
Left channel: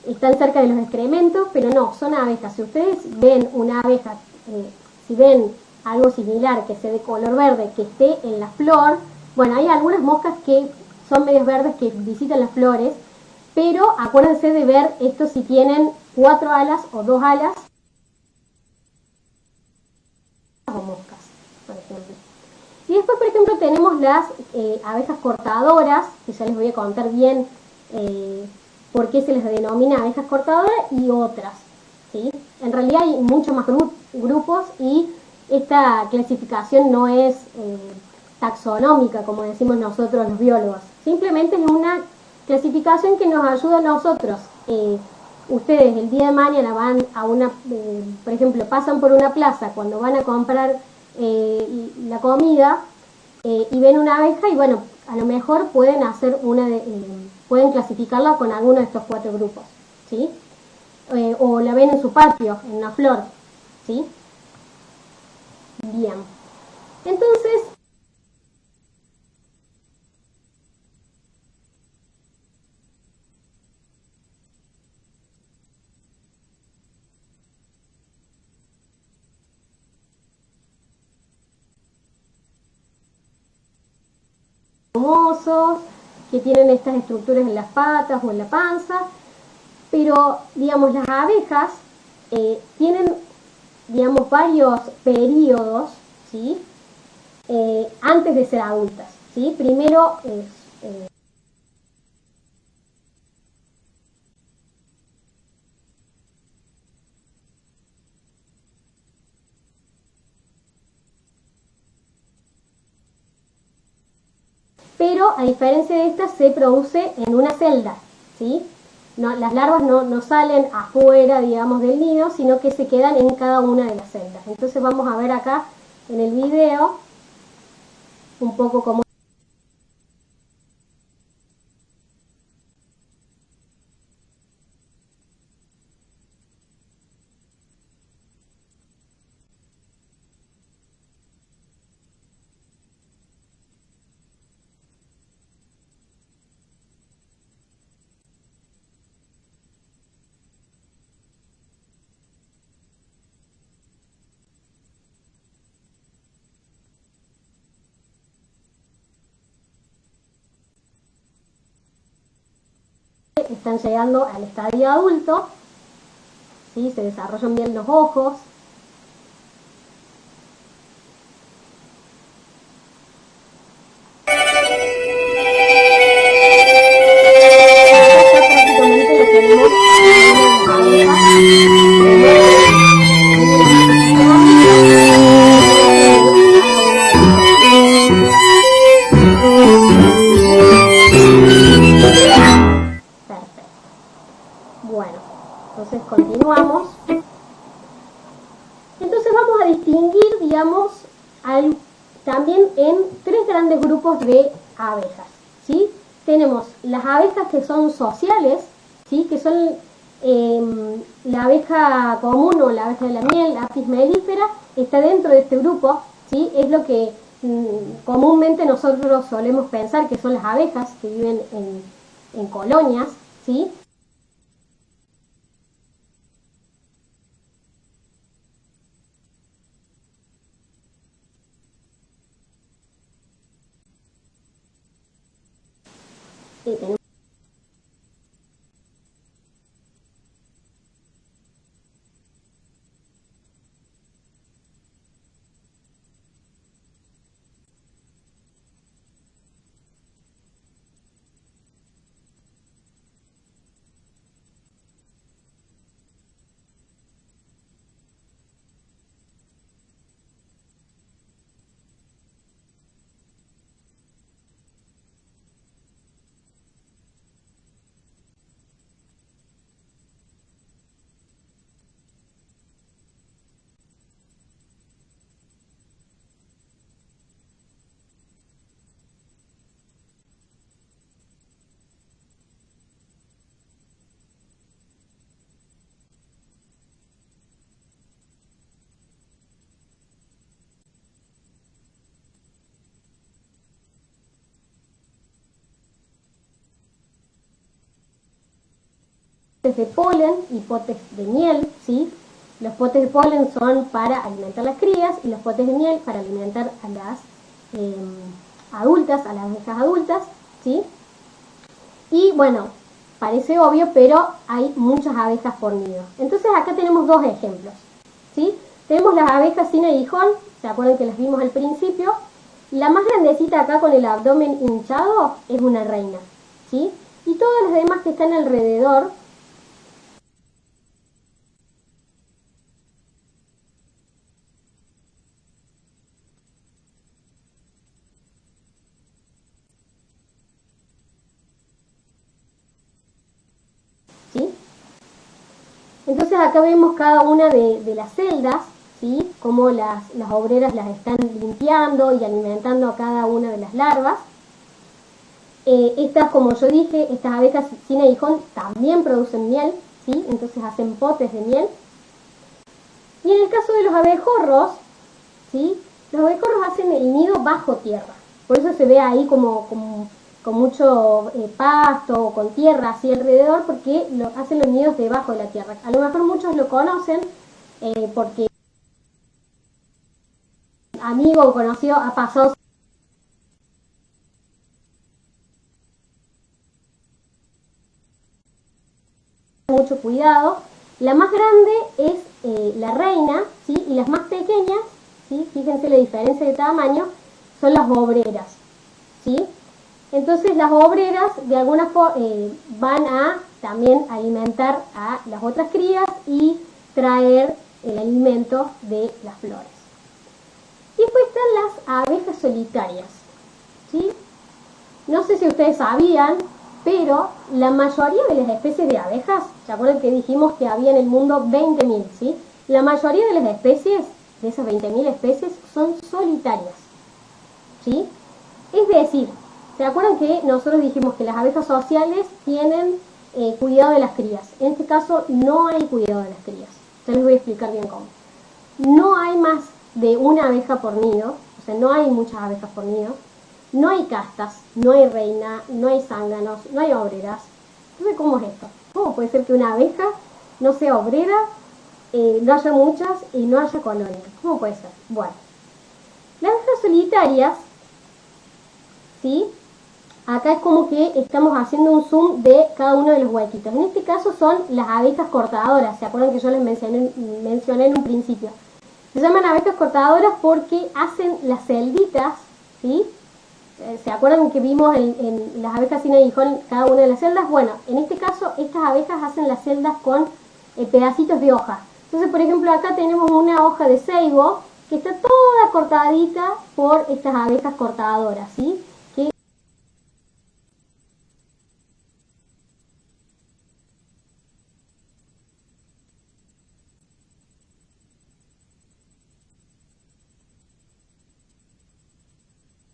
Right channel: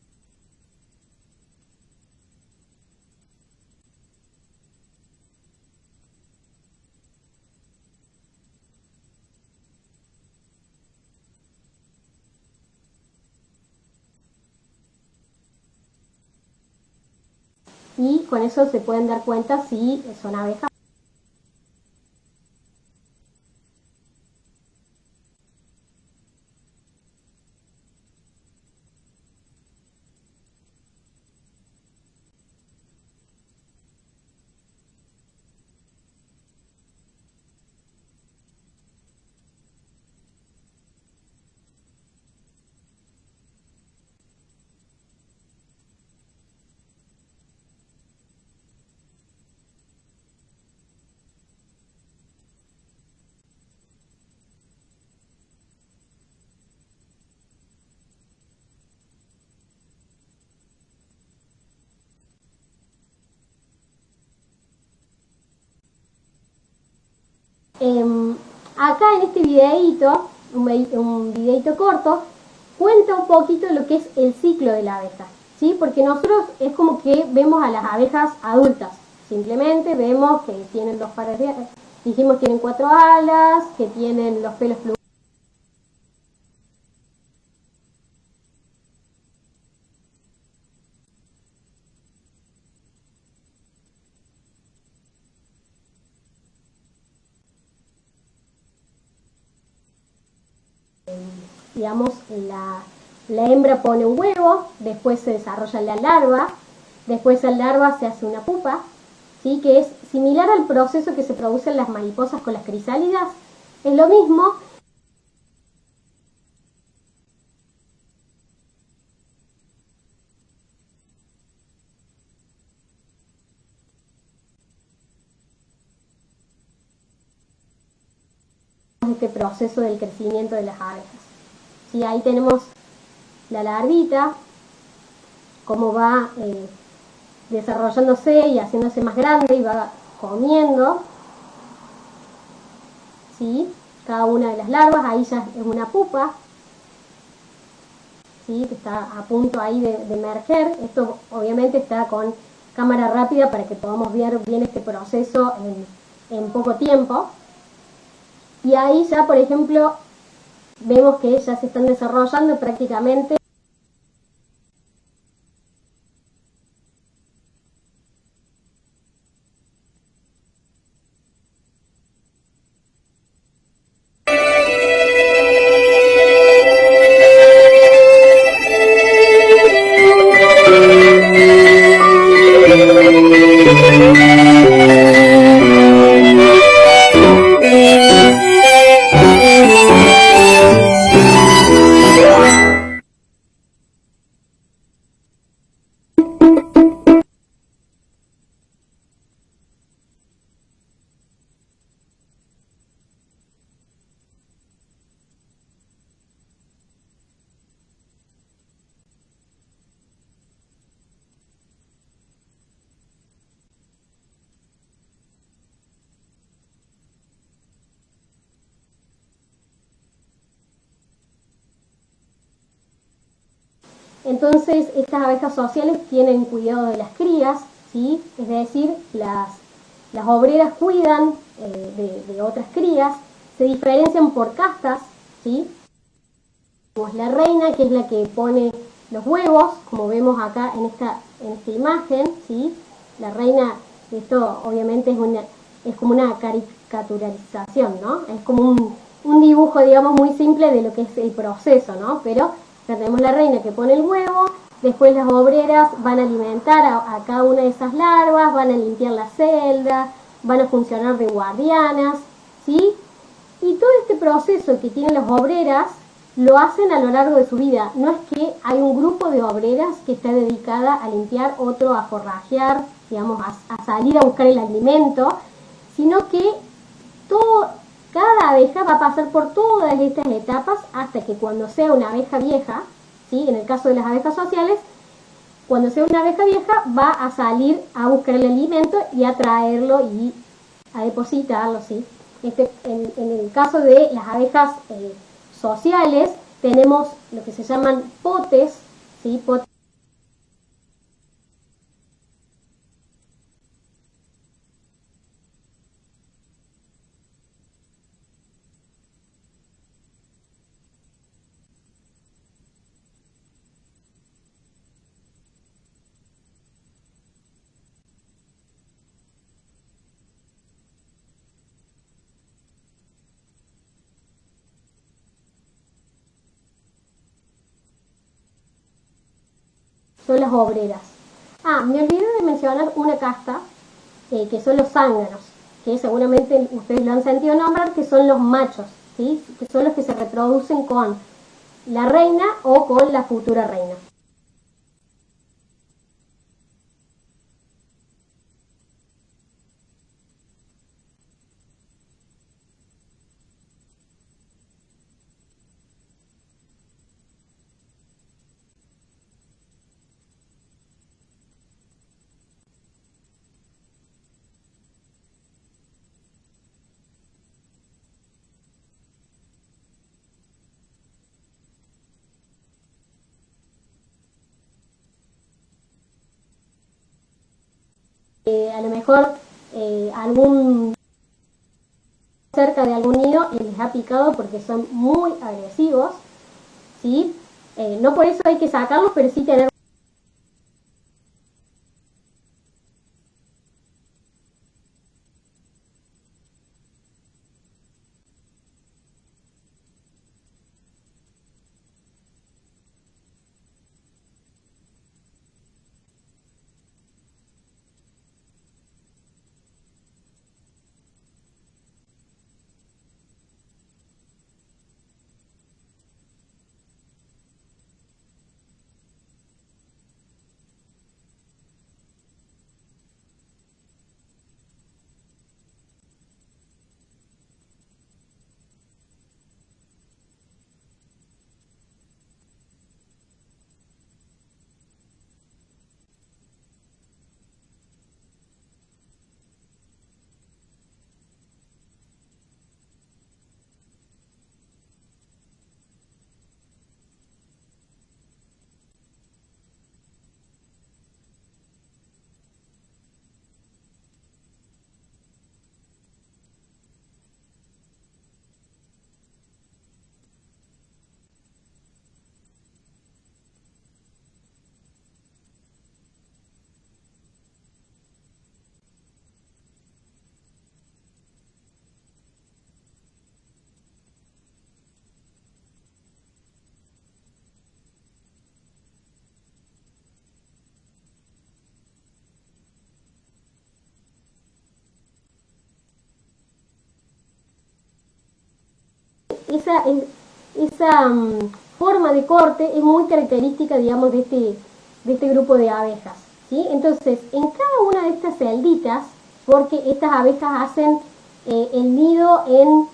están cerca de los excrementos, pero no, son abejas. Si ustedes ven una abeja, si ven algo similar que sea de color verde, que esté en la flor, bueno, hay algunas moscas que son medios verdes que visitan las flores, pero acuérdense de ver esto si tienen 4 alas o 2 alas, y con eso se pueden dar cuenta si son abejas o moscas, por ejemplo. Y después, por ejemplo, tenemos las abejas cortadoras, que ya les voy a contar bien por qué se les denomina abejas cortadoras y otras, ¿sí? En realidad hay muchos más grupos y esta clasificación no es taxonómica, como decimos nosotros los biólogos. Simplemente es una clasificación que nos ayuda a nosotros. Ustedes el día de mañana van a una, por ejemplo, pasan por una plaza cuando van a comprar la comida y ven una abeja y bueno, a lo mejor pueden hacer pueden clasificarla con alguno de estos 4 grupos, ¿sí? O la ven en su patio, en una flor, ¿sí? Bien. Entonces, acá en este videíto, un videíto corto, cuenta un poquito lo que es el ciclo de la abeja, ¿sí? Porque nosotros es como que vemos a las abejas adultas, simplemente vemos que tienen 2 pares de, dijimos tienen 4 alas, que tienen los pelos plumosos, que tienen estas estructuras en las patas o en la panza, pero digamos las abejas tienen digamos varios periodos, ¿sí? Antes de ser adultas, ¿sí? Primero digamos la hembra pone un huevo, después se desarrolla la larva, después la larva se hace una pupa, ¿sí? Que es similar al proceso que se produce en las mariposas con las crisálidas, es lo mismo, pero a diferencia de esta se produce en una celda, ¿sí? No, las larvas no salen afuera, digamos, del nido, sino que se quedan en cada una de las celdas. Entonces vamos a ver acá en el video un poco cómo es este proceso del crecimiento de las abejas. ¿Sí? Ahí tenemos la larvita, cómo va desarrollándose y haciéndose más grande y va comiendo, ¿sí? Cada una de las larvas, ahí ya es una pupa, ¿sí? Que está a punto ahí de emerger. Esto obviamente está con cámara rápida para que podamos ver bien este proceso en poco tiempo. Y ahí ya, por ejemplo, vemos que ya se están desarrollando, prácticamente están llegando al estadio adulto, ¿sí? Se desarrollan bien los ojos. Bueno, entonces continuamos. Entonces vamos a distinguir, digamos, también en 3 grandes grupos de abejas, ¿sí? Tenemos las abejas que son sociales, ¿sí? Que son la abeja común o la abeja de la miel, Apis mellifera, está dentro de este grupo, ¿sí? Es lo que comúnmente nosotros solemos pensar que son las abejas que viven en colonias, ¿sí? Entonces estas abejas sociales tienen cuidado de las crías, ¿sí? Es decir, las obreras cuidan de otras crías, se diferencian por castas, ¿sí? Tenemos la reina, que es la que pone los huevos, como vemos acá en esta imagen, ¿sí? La reina, esto obviamente es como una caricaturalización, ¿no? Es como un dibujo, digamos, muy simple de lo que es el proceso, ¿no? Pero tenemos la reina que pone el huevo, después las obreras van a alimentar a cada una de esas larvas, van a limpiar la celda, van a funcionar de guardianas, ¿sí? Y todo este proceso que tienen las obreras lo hacen a lo largo de su vida. No es que hay un grupo de obreras que está dedicada a limpiar, otro a forrajear, digamos, a salir a buscar el alimento, sino que cada abeja va a pasar por todas estas etapas hasta que cuando sea una abeja vieja, ¿sí? En el caso de las abejas sociales, cuando sea una abeja vieja va a salir a buscar el alimento y a traerlo y a depositarlo, ¿sí? En el caso de las abejas sociales tenemos lo que se llaman potes, ¿sí? Potes de polen y potes de miel, ¿sí? Los potes de polen son para alimentar las crías y los potes de miel para alimentar a las adultas, a las abejas adultas, ¿sí? Y bueno, parece obvio, pero hay muchas abejas por nido. Entonces acá tenemos 2 ejemplos, ¿sí? Tenemos las abejas sin aguijón, ¿se acuerdan que las vimos al principio? La más grandecita acá con el abdomen hinchado es una reina, ¿sí? Y todas las demás que están alrededor son las obreras. Ah, me olvidé de mencionar una casta, que son los zánganos, que seguramente ustedes lo han sentido nombrar, que son los machos, ¿sí? Que son los que se reproducen con la reina o con la futura reina, ¿sí? Entonces acá vemos cada una de las celdas, ¿sí? Cómo las obreras las están limpiando y alimentando a cada una de las larvas. Estas, como yo dije, estas abejas sin aguijón también producen miel, ¿sí? Entonces hacen potes de miel. Y en el caso de los abejorros, ¿sí? Los abejorros hacen el nido bajo tierra. Por eso se ve ahí como con mucho pasto o con tierra así alrededor, porque hacen los nidos debajo de la tierra. A lo mejor muchos lo conocen porque a lo mejor algún amigo o conocido ha pasado cerca de algún nido y les ha picado porque son muy agresivos, ¿sí? No por eso hay que sacarlos, pero sí tener mucho cuidado. La más grande es la reina, ¿sí? Y las más pequeñas, ¿sí? Fíjense la diferencia de tamaño, son las obreras, ¿sí? Entonces las obreras de alguna forma van a también alimentar a las otras crías y traer el alimento de las flores. Y después están las abejas solitarias, ¿sí? No sé si ustedes sabían, pero la mayoría de las especies de abejas, ¿se acuerdan que dijimos que había en el mundo 20.000, ¿sí? La mayoría de las especies, de esas 20.000 especies, son solitarias, ¿sí? Es decir, ¿se acuerdan que nosotros dijimos que las abejas sociales tienen cuidado de las crías? En este caso no hay cuidado de las crías. Ya les voy a explicar bien cómo. No hay más de una abeja por nido, o sea, no hay muchas abejas por nido. No hay castas, no hay reina, no hay zánganos, no hay obreras. Entonces, ¿cómo es esto? ¿Cómo puede ser que una abeja no sea obrera, no haya muchas y no haya colonia? ¿Cómo puede ser? Bueno, las abejas solitarias, ¿sí? Acá es como que estamos haciendo un zoom de cada uno de los huequitos. En este caso son las abejas cortadoras. ¿Se acuerdan que yo les mencioné en un principio? Se llaman abejas cortadoras porque hacen las celditas, ¿sí? ¿Se acuerdan que vimos en las abejas sin aguijón cada una de las celdas? Bueno, en este caso estas abejas hacen las celdas con pedacitos de hoja. Entonces, por ejemplo, acá tenemos una hoja de ceibo que está toda cortadita por estas abejas cortadoras, ¿sí? Que esa forma de corte es muy característica, digamos, de este grupo de abejas, ¿sí? Entonces, en cada una de estas celditas, porque estas abejas hacen el nido en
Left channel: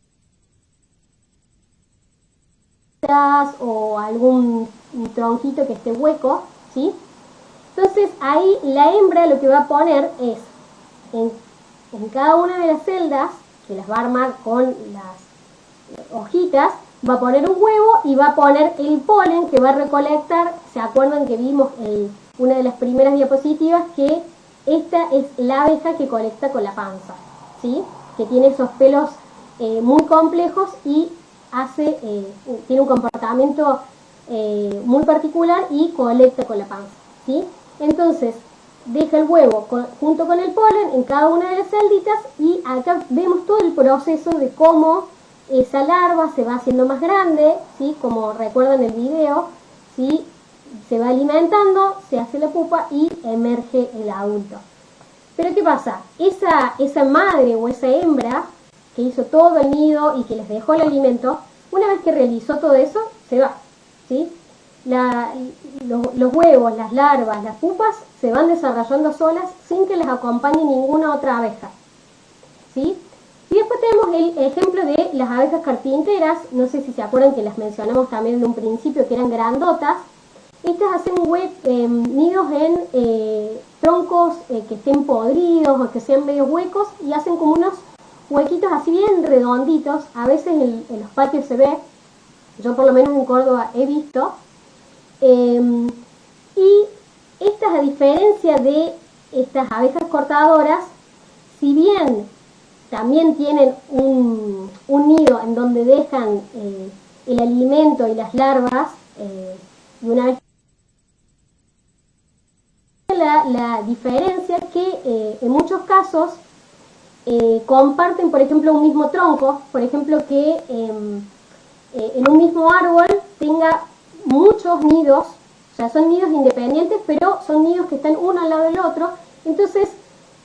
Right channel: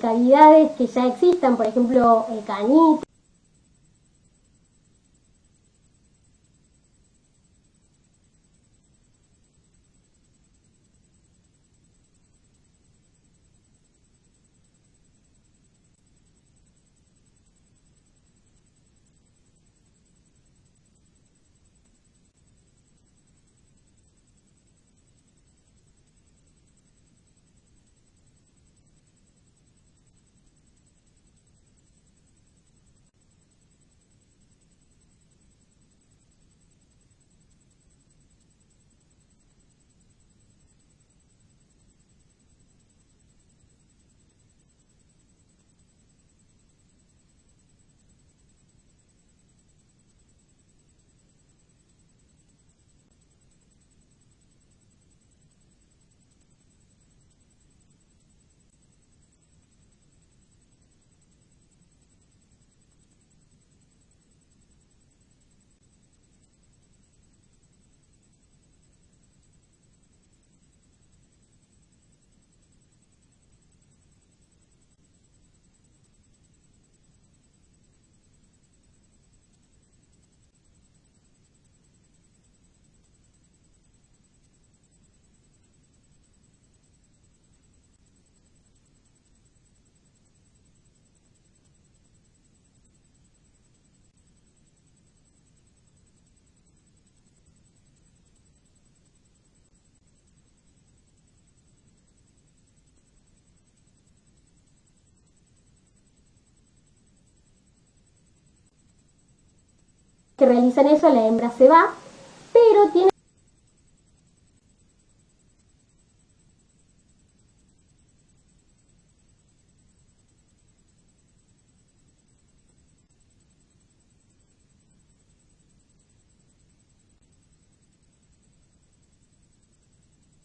cavidades que ya existan, por ejemplo, cañitas o algún tronquito que esté hueco, ¿sí? Entonces, ahí la hembra lo que va a poner es, en cada una de las celdas, que las va a armar con las hojitas, va a poner un huevo y va a poner el polen que va a recolectar. ¿Se acuerdan que vimos en una de las primeras diapositivas que esta es la abeja que colecta con la panza, ¿sí? Que tiene esos pelos muy complejos y tiene un comportamiento muy particular y colecta con la panza, ¿sí? Entonces, deja el huevo junto con el polen en cada una de las celditas y acá vemos todo el proceso de cómo esa larva se va haciendo más grande, ¿sí? Como recuerdan el video, ¿sí? Se va alimentando, se hace la pupa y emerge el adulto. Pero ¿qué pasa? Esa madre o esa hembra que hizo todo el nido y que les dejó el alimento, una vez que realizó todo eso, se va, ¿sí? Los huevos, las larvas, las pupas se van desarrollando solas sin que les acompañe ninguna otra abeja, ¿sí? Y después tenemos el ejemplo de las abejas carpinteras. No sé si se acuerdan que las mencionamos también en un principio, que eran grandotas. Estas hacen nidos en troncos que estén podridos o que sean medio huecos y hacen como unos huequitos así bien redonditos. A veces en los patios se ve, yo por lo menos en Córdoba he visto. Y estas, a diferencia de estas abejas cortadoras, si bien también tienen un nido en donde dejan el alimento y las larvas, y una vez que realizan eso la hembra se va, pero tiene la diferencia que en muchos casos comparten, por ejemplo, un mismo tronco, por ejemplo, que en un mismo árbol tenga muchos nidos, o sea, son nidos independientes, pero son nidos que están uno al lado del otro. Entonces,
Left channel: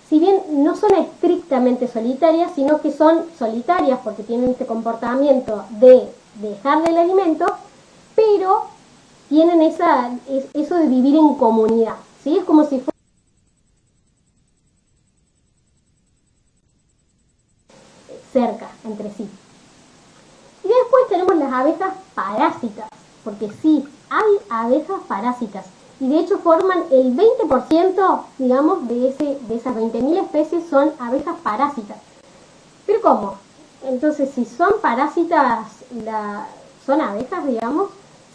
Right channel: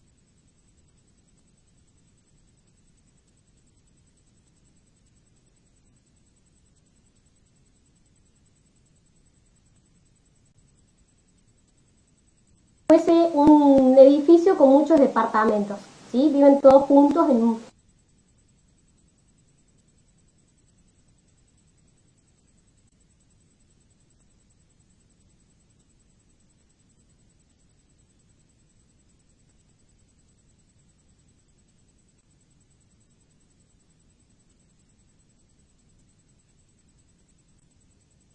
si bien no son estrictamente solitarias, sino que son solitarias porque tienen este comportamiento de dejarle el alimento, pero tienen eso de vivir en comunidad, ¿sí? Es como si fuese un edificio con muchos departamentos, ¿sí? Viven todos juntos cerca entre sí. Y después tenemos las abejas parásitas, porque sí, hay abejas parásitas. Y de hecho forman el 20%, digamos, de esas 20.000 especies son abejas parásitas. ¿Pero cómo? Entonces, si son parásitas, son abejas, digamos,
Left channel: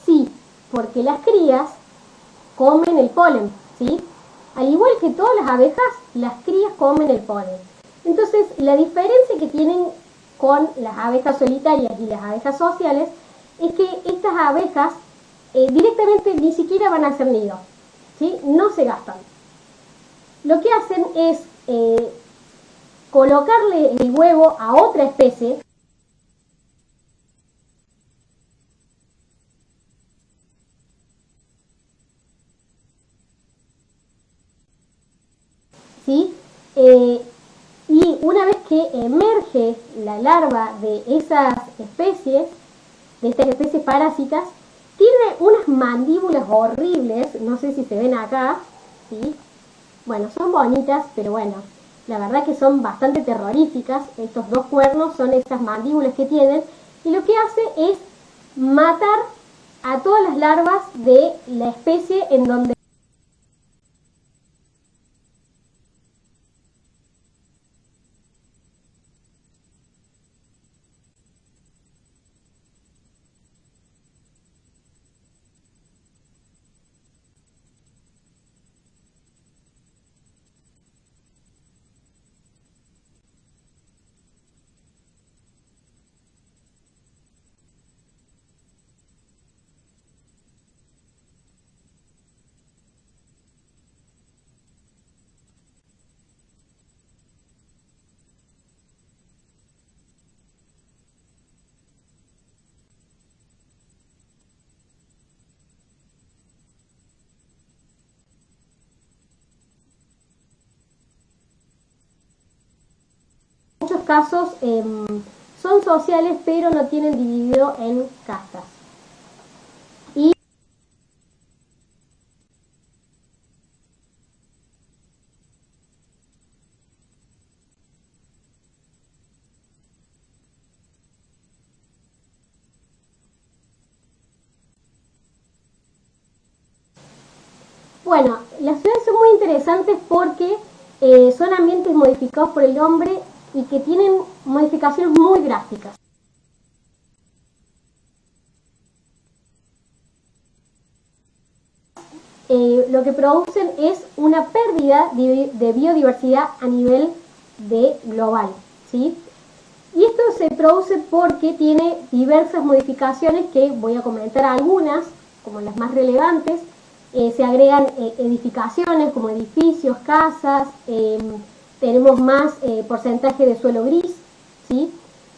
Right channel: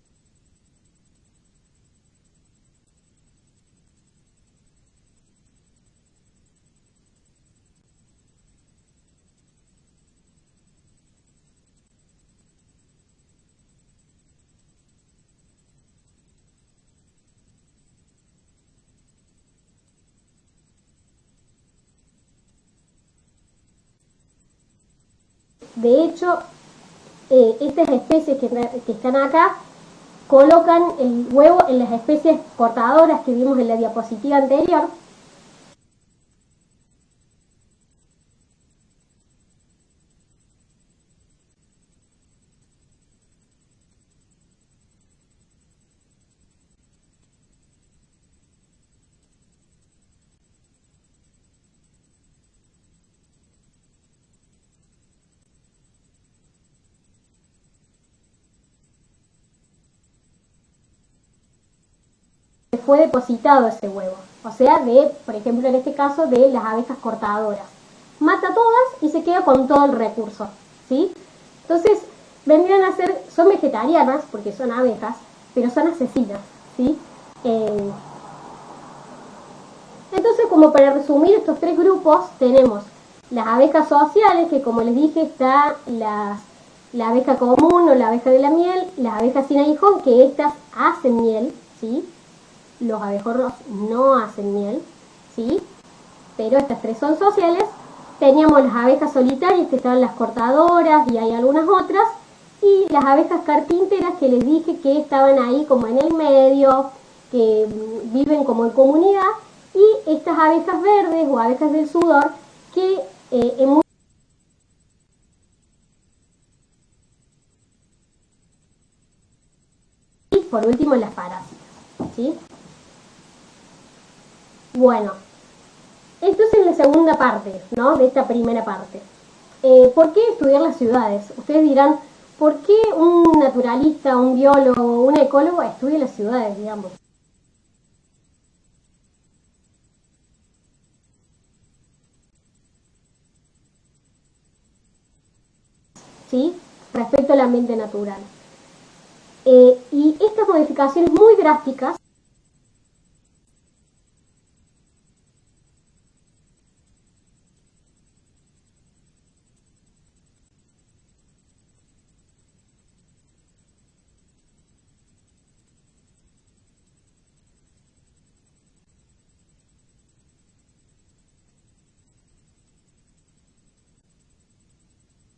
sí, porque las crías comen el polen, ¿sí? Al igual que todas las abejas, las crías comen el polen. Entonces, la diferencia que tienen con las abejas solitarias y las abejas sociales es que estas abejas directamente ni siquiera van a hacer nido, ¿sí? No se gastan. Lo que hacen es colocarle el huevo a otra especie. De hecho, estas especies que están acá colocan el huevo en las especies portadoras que vimos en la diapositiva anterior, ¿sí? Y una vez que emerge la larva de esas especies, de estas especies parásitas, tiene unas mandíbulas horribles, no sé si se ven acá, ¿sí? Bueno, son bonitas, pero bueno, la verdad que son bastante terroríficas. Estos dos cuernos son esas mandíbulas que tienen, y lo que hace es matar a todas las larvas de la especie en donde fue depositado ese huevo. O sea, por ejemplo, en este caso, de las abejas cortadoras. Mata a todas y se queda con todo el recurso, ¿sí? Entonces, vendrían a ser, son vegetarianas, porque son abejas, pero son asesinas, ¿sí? Entonces, como para resumir estos tres grupos, tenemos las abejas sociales, que como les dije, está la abeja común o la abeja de la miel, las abejas sin aguijón, que estas hacen miel, ¿sí? Los abejorros no hacen miel, ¿sí? Pero estas tres son sociales. Teníamos las abejas solitarias, que estaban las cortadoras, y hay algunas otras, y las abejas carpinteras, que les dije que estaban ahí como en el medio, que viven como en comunidad, y estas abejas verdes o abejas del sudor, que en muchos casos son sociales, pero no tienen dividido en castas. Y por último, las parásitas, ¿sí? Bueno, esto es en la segunda parte, ¿no? De esta primera parte. ¿Por qué estudiar las ciudades? Ustedes dirán, ¿por qué un naturalista, un biólogo, un ecólogo estudia las ciudades, digamos? Bueno, las ciudades son muy interesantes porque son ambientes modificados por el hombre y que tienen modificaciones muy drásticas, ¿sí? Respecto al ambiente natural. Y estas modificaciones muy drásticas lo que producen es una pérdida de biodiversidad a nivel global, ¿sí? Y esto se produce porque tiene diversas modificaciones, que voy a comentar algunas, como las más relevantes. Se agregan edificaciones como edificios, casas, tenemos más porcentaje de suelo gris, ¿sí?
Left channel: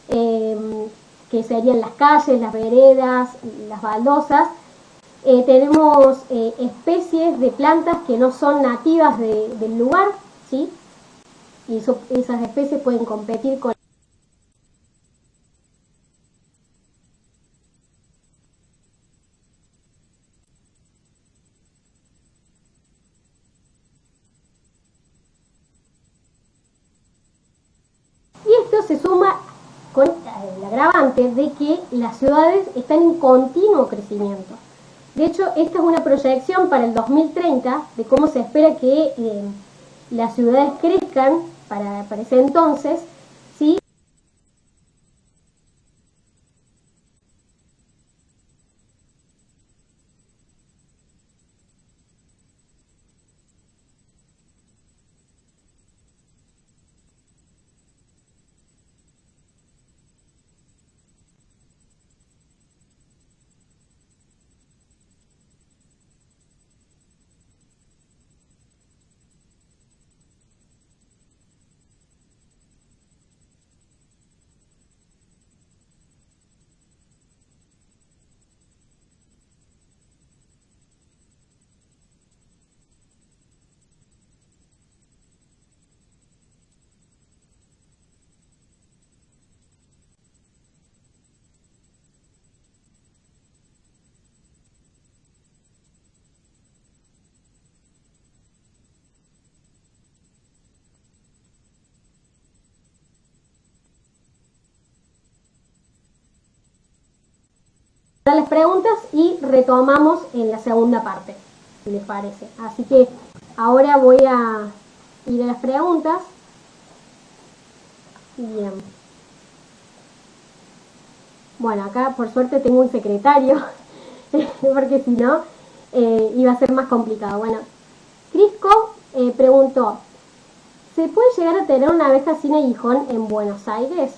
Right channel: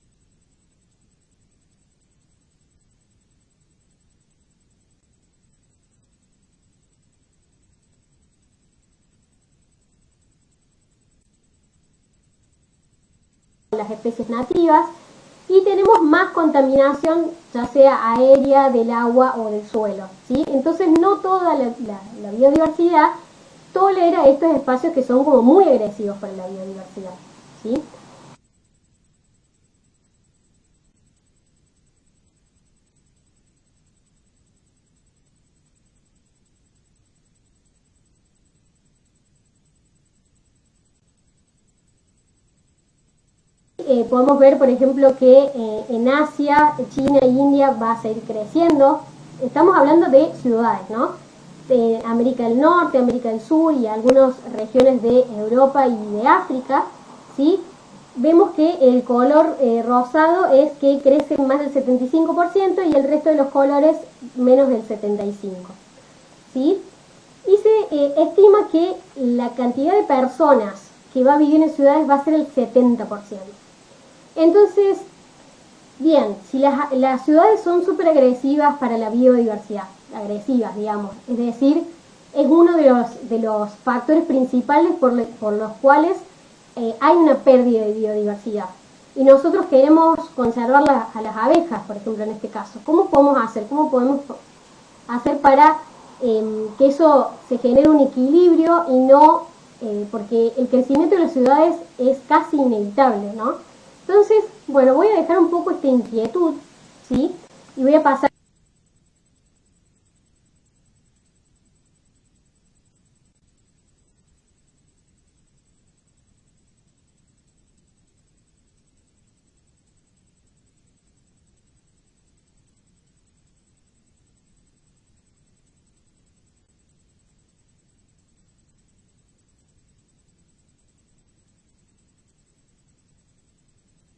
Que serían las calles, las veredas, las baldosas. Tenemos especies de plantas que no son nativas del lugar, ¿sí? Y esas especies pueden competir con las especies nativas. Y tenemos más contaminación, ya sea aérea, del agua o del suelo, ¿sí? Entonces no toda la biodiversidad tolera estos espacios que son como muy agresivos para la biodiversidad, ¿sí? Y esto se suma con el agravante de que las ciudades están en continuo crecimiento. De hecho, esta es una proyección para el 2030 de cómo se espera que las ciudades crezcan para ese entonces. Sí, podemos ver, por ejemplo, que en Asia, China e India va a seguir creciendo. Estamos hablando de ciudades, ¿no? De América del Norte, América del Sur y algunas regiones de Europa y de África, ¿sí? Vemos que el color rosado es que crecen más del 75% y el resto de los colores menos del 75%, ¿sí? Y se estima que la cantidad de personas que va a vivir en ciudades va a ser el 70%. Entonces, Bien, si las ciudades son súper agresivas para la biodiversidad, agresivas, digamos, es decir, es uno de los factores principales por los cuales hay una pérdida de biodiversidad. Y nosotros queremos conservar a las abejas, por ejemplo, en este caso. ¿Cómo podemos hacer? ¿Cómo podemos hacer para que eso se genere un equilibrio y no, porque el crecimiento de las ciudades es casi inevitable, ¿no? Entonces, bueno, voy a dejar un poco esta inquietud, ¿sí? Y voy a pasar a las preguntas y retomamos en la segunda parte, si les parece. Así que ahora voy a ir a las preguntas. Bien. Bueno, acá por suerte tengo un secretario, porque si no, iba a ser más complicado. Bueno, Crisco preguntó, ¿se puede llegar a tener una abeja sin aguijón en Buenos Aires?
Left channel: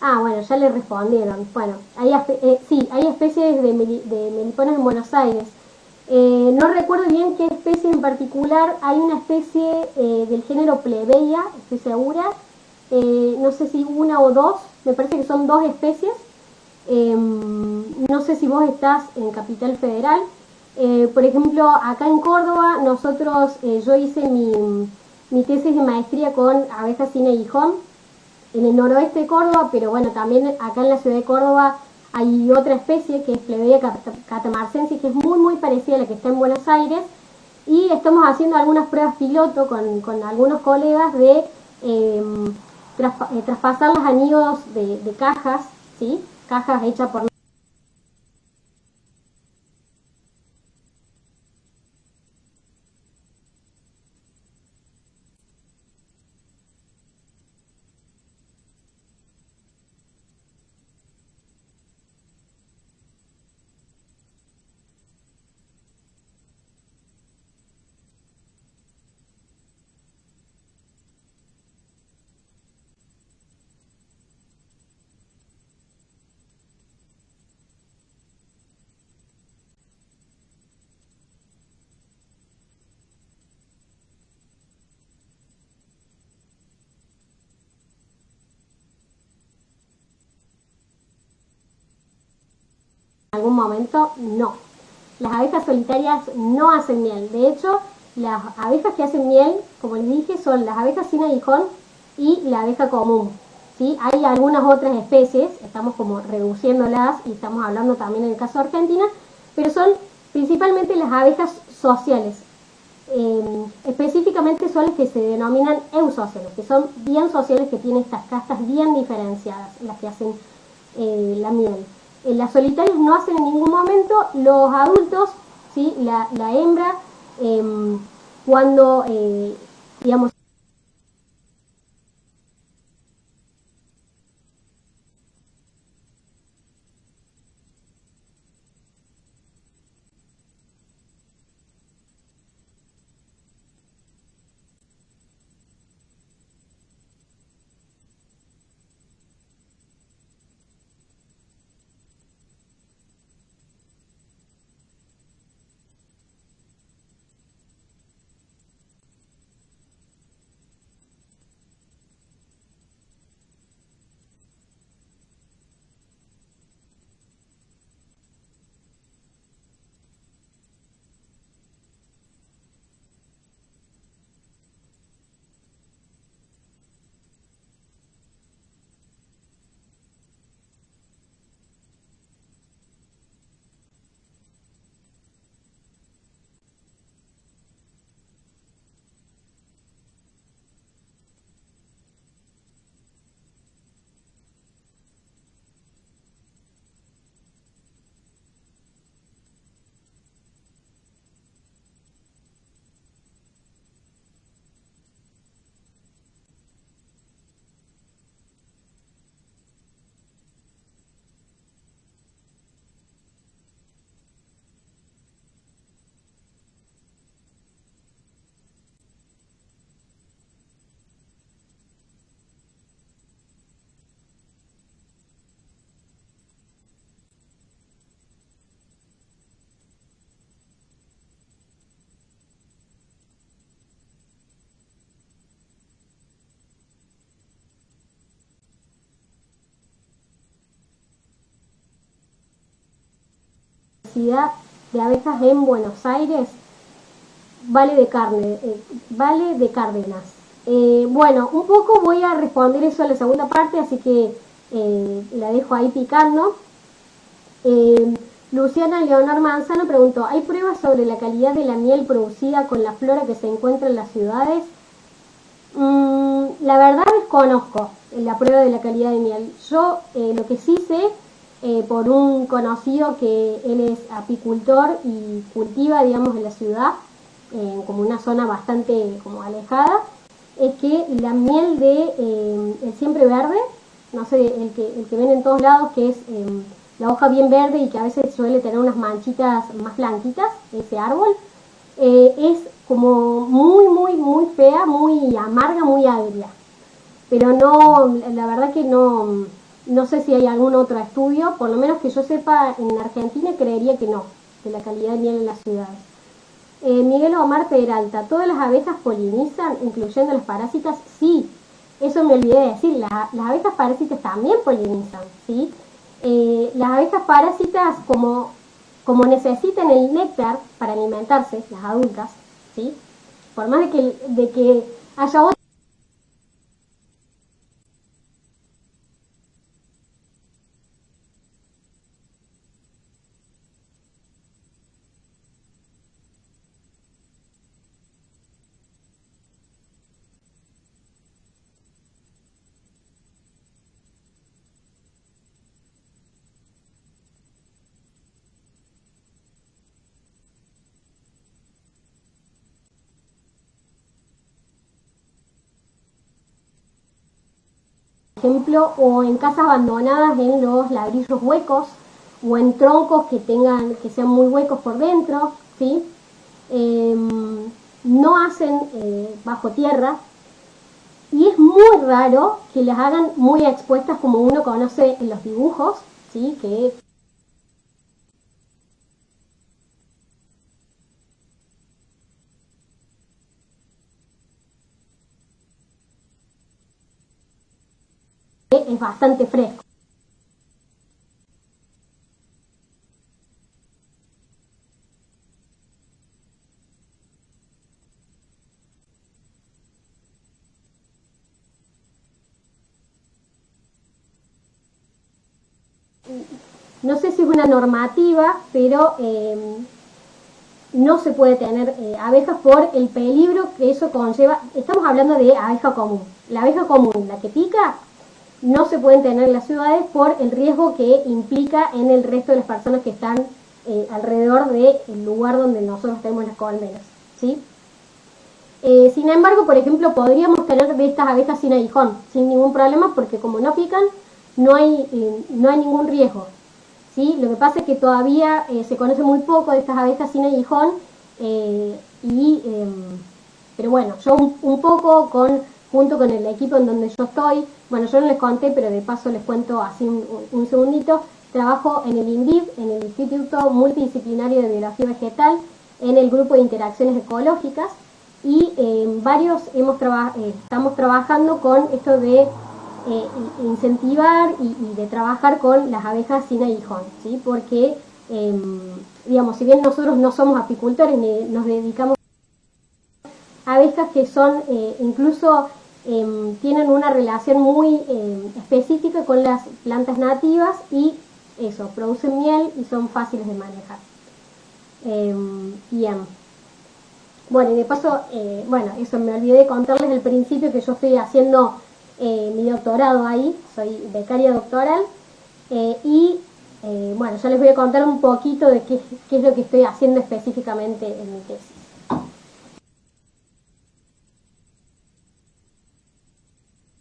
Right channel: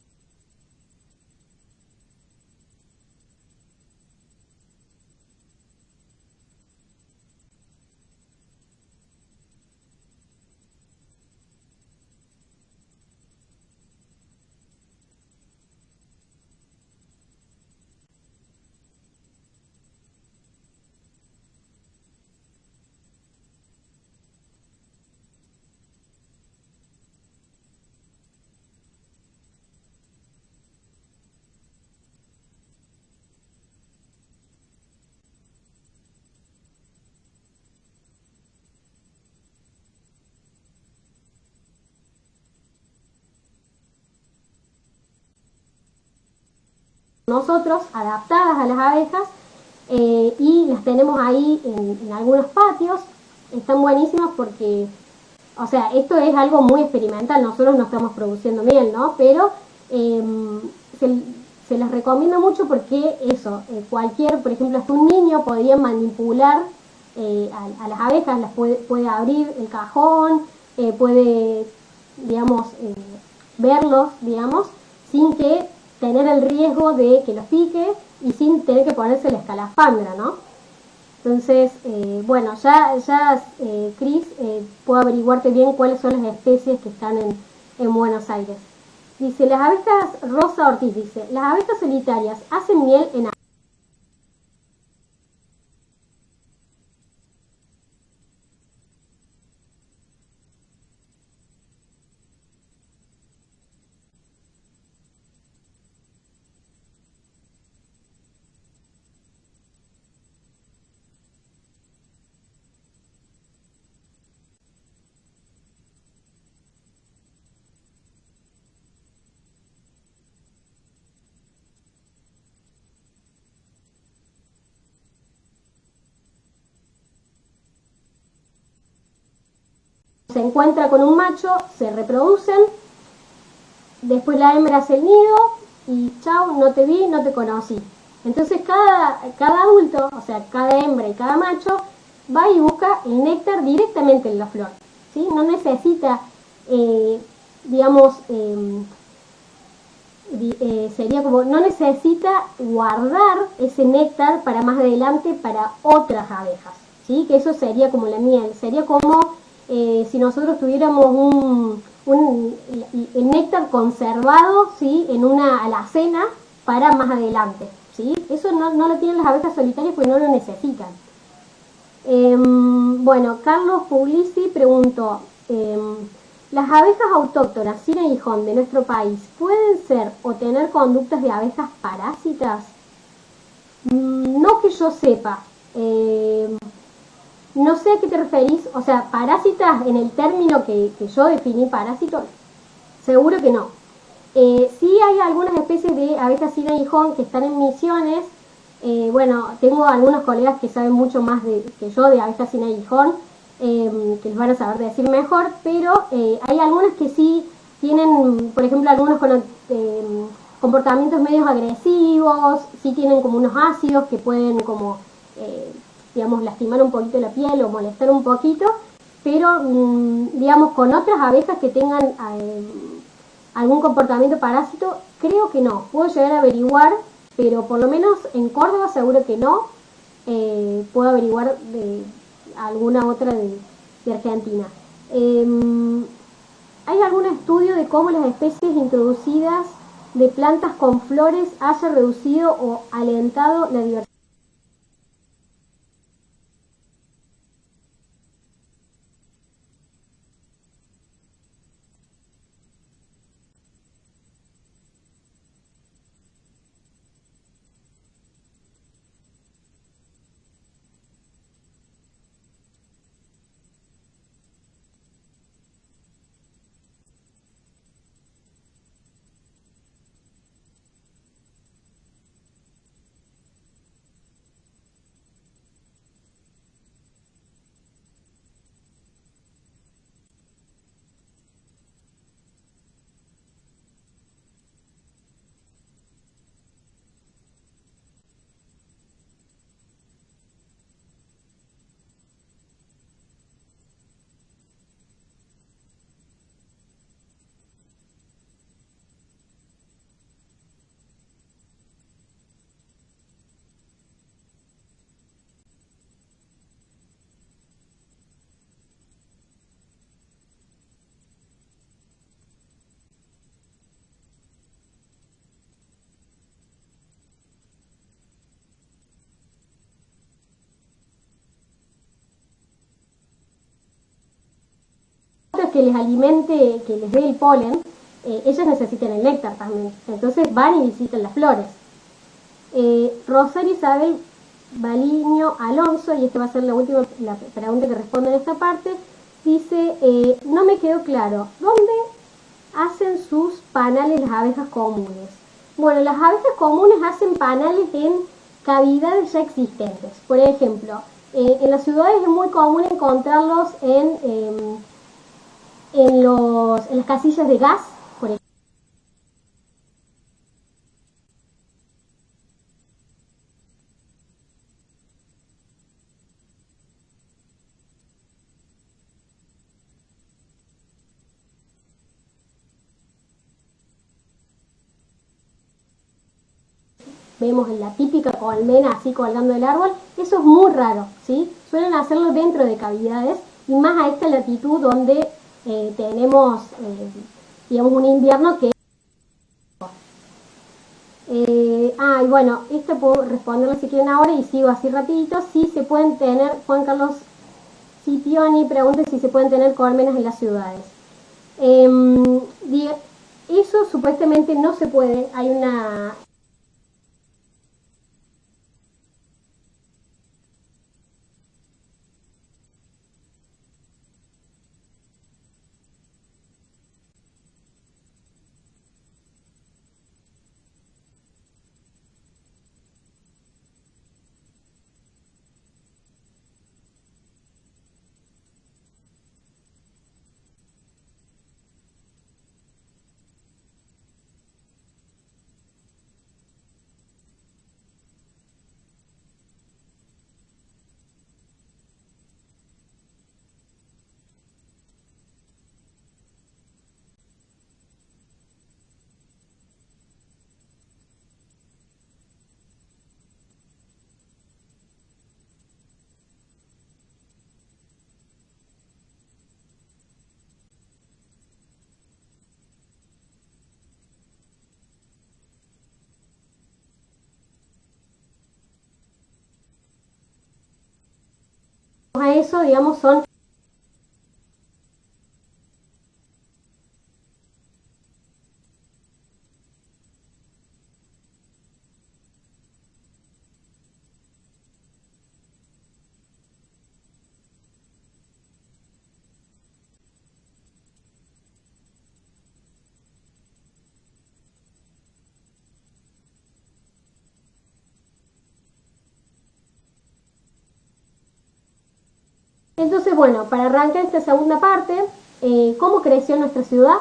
Ah, bueno, ya le respondieron. Bueno, sí, hay especies de meliponas en Buenos Aires. No recuerdo bien qué especie en particular. Hay una especie del género Plebeia, estoy segura. No sé si una o dos, me parece que son dos especies. No sé si vos estás en Capital Federal. Por ejemplo, acá en Córdoba, yo hice mi tesis de maestría con abejas sin aguijón en el noroeste de Córdoba, pero bueno, también acá en la ciudad de Córdoba hay otra especie que es Plebeia catamarcensis, que es muy muy parecida a la que está en Buenos Aires, y estamos haciendo algunas pruebas piloto con algunos colegas de traspasar los anillos de cajas, ¿sí? Cajas hechas por nosotros, adaptadas a las abejas, y las tenemos ahí en algunos patios. Están buenísimas porque, o sea, esto es algo muy experimental, nosotros no estamos produciendo miel, ¿no? Pero se, se las recomiendo mucho porque eso, por ejemplo, hasta un niño podría manipular a las abejas, puede abrir el cajón, puede, digamos, verlos, digamos, sin que tener el riesgo de que los pique y sin tener que ponerse la escalafandra, ¿no? Entonces, bueno, Cris, puedo averiguarte bien cuáles son las especies que están en Buenos Aires. Dice, las abejas, Rosa Ortiz dice, ¿las abejas solitarias hacen miel en algún momento? No. Las abejas solitarias no hacen miel. De hecho, las abejas que hacen miel, como les dije, son las abejas sin aguijón y la abeja común. ¿Sí? Hay algunas otras especies, estamos como reduciéndolas y estamos hablando también en el caso de Argentina, pero son principalmente las abejas sociales. Específicamente son las que se denominan eusociales, que son bien sociales, que tienen estas castas bien diferenciadas, las que hacen la miel. Las solitarias no hacen en ningún momento. Los adultos, ¿sí? La hembra, cuando digamos, se encuentra con un macho, se reproducen, después la hembra hace el nido y chau, no te vi, no te conocí. Entonces cada adulto, o sea, cada hembra y cada macho, va y busca el néctar directamente en la flor, ¿sí? No necesita, digamos, sería como, no necesita guardar ese néctar para más adelante para otras abejas, ¿sí? Que eso sería como la miel, sería como si nosotros tuviéramos el néctar conservado, ¿sí? En una alacena para más adelante, ¿sí? Eso no lo tienen las abejas solitarias porque no lo necesitan. Bueno, Carlos Puglisi preguntó, ¿las abejas autóctonas sin aguijón de nuestro país pueden ser o tener conductas de abejas parásitas? No que yo sepa. No sé a qué te referís. O sea, parásitas en el término que yo definí parásito, seguro que no. Sí hay algunas especies de abejas sin aguijón que están en Misiones. Bueno, tengo algunos colegas que saben mucho más que yo de abejas sin aguijón, que les van a saber decir mejor, pero hay algunas que sí tienen, por ejemplo, algunos con comportamientos medios agresivos, sí tienen como unos ácidos que pueden como, digamos, lastimar un poquito la piel o molestar un poquito, pero, digamos, con otras abejas que tengan algún comportamiento parásito, creo que no. Puedo llegar a averiguar, pero por lo menos en Córdoba seguro que no. Puedo averiguar de alguna otra de Argentina. ¿Hay algún estudio de cómo las especies introducidas de plantas con flores haya reducido o alentado la diversidad de abejas en Buenos Aires? Vale de Cárdenas. Bueno, un poco voy a responder eso en la segunda parte, así que la dejo ahí picando. Luciana Leonor Manzano preguntó, ¿hay pruebas sobre la calidad de la miel producida con la flora que se encuentra en las ciudades? La verdad desconozco la prueba de la calidad de miel. Yo lo que sí sé, por un conocido que él es apicultor y cultiva, digamos, en la ciudad, como una zona bastante como alejada, es que la miel de el siempre verde, no sé, el que ven en todos lados, que es la hoja bien verde y que a veces suele tener unas manchitas más blanquitas, ese árbol, es como muy fea, muy amarga, muy agria. Pero no, la verdad que no sé si hay algún otro estudio, por lo menos que yo sepa en Argentina creería que no, de la calidad de miel en las ciudades. Miguel Omar Peralta, ¿todas las abejas polinizan, incluyendo las parásitas? Sí, eso me olvidé de decir, las abejas parásitas también polinizan, ¿sí? Las abejas parásitas, como necesitan el néctar para alimentarse, las adultas, ¿sí? Por más de que haya otras que les alimente, que les dé el polen, ellas necesitan el néctar también. Entonces van y visitan las flores. Rosario Isabel Baliño Alonso, y esta va a ser la última la pregunta que respondo en esta parte, dice, no me quedó claro, ¿dónde hacen sus panales las abejas comunes? Bueno, las abejas comunes hacen panales en cavidades ya existentes. Por ejemplo, en las ciudades es muy común encontrarlos en las casillas de gas, por ejemplo, o en casas abandonadas en los ladrillos huecos, o en troncos que sean muy huecos por dentro, ¿sí? No hacen bajo tierra, y es muy raro que las hagan muy expuestas como uno conoce en los dibujos, ¿sí? Que vemos en la típica colmena así colgando del árbol. Eso es muy raro, ¿sí? Suelen hacerlo dentro de cavidades, y más a esta latitud donde tenemos, digamos, un invierno que es bastante fresco. Y bueno, esto puedo responderlo si quieren ahora y sigo así rapidito. Si se pueden tener, Juan Carlos Scipioni pregunta si se pueden tener colmenas en las ciudades. Eso supuestamente no se puede, hay no sé si es una normativa, pero no se puede tener abejas por el peligro que eso conlleva. Estamos hablando de abeja común. La abeja común, la que pica, no se pueden tener en las ciudades por el riesgo que implica en el resto de las personas que están alrededor del lugar donde nosotros tenemos las colmenas, ¿sí? Sin embargo, por ejemplo, podríamos tener de estas abejas sin aguijón, sin ningún problema, porque como no pican, no hay ningún riesgo, ¿sí? Lo que pasa es que todavía se conoce muy poco de estas abejas sin aguijón, pero bueno, yo un poco junto con el equipo en donde yo estoy, bueno, yo no les conté, pero de paso les cuento así un segundito, trabajo en el INVIV, en el Instituto Multidisciplinario de Biología Vegetal, en el grupo de interacciones ecológicas, y varios estamos trabajando con esto de incentivar y de trabajar con las abejas sin aguijón, ¿sí? Porque, digamos, si bien nosotros no somos apicultores ni nos dedicamos a eso, digamos, son abejas que son incluso tienen una relación muy específica con las plantas nativas, y eso, producen miel y son fáciles de manejar. Bien. Bueno, y de paso, bueno, eso me olvidé de contarles al principio que yo estoy haciendo mi doctorado ahí, soy becaria doctoral, bueno, ya les voy a contar un poquito de qué es lo que estoy haciendo específicamente en mi tesis. Entonces, bueno, para arrancar esta segunda parte, ¿cómo creció nuestra ciudad?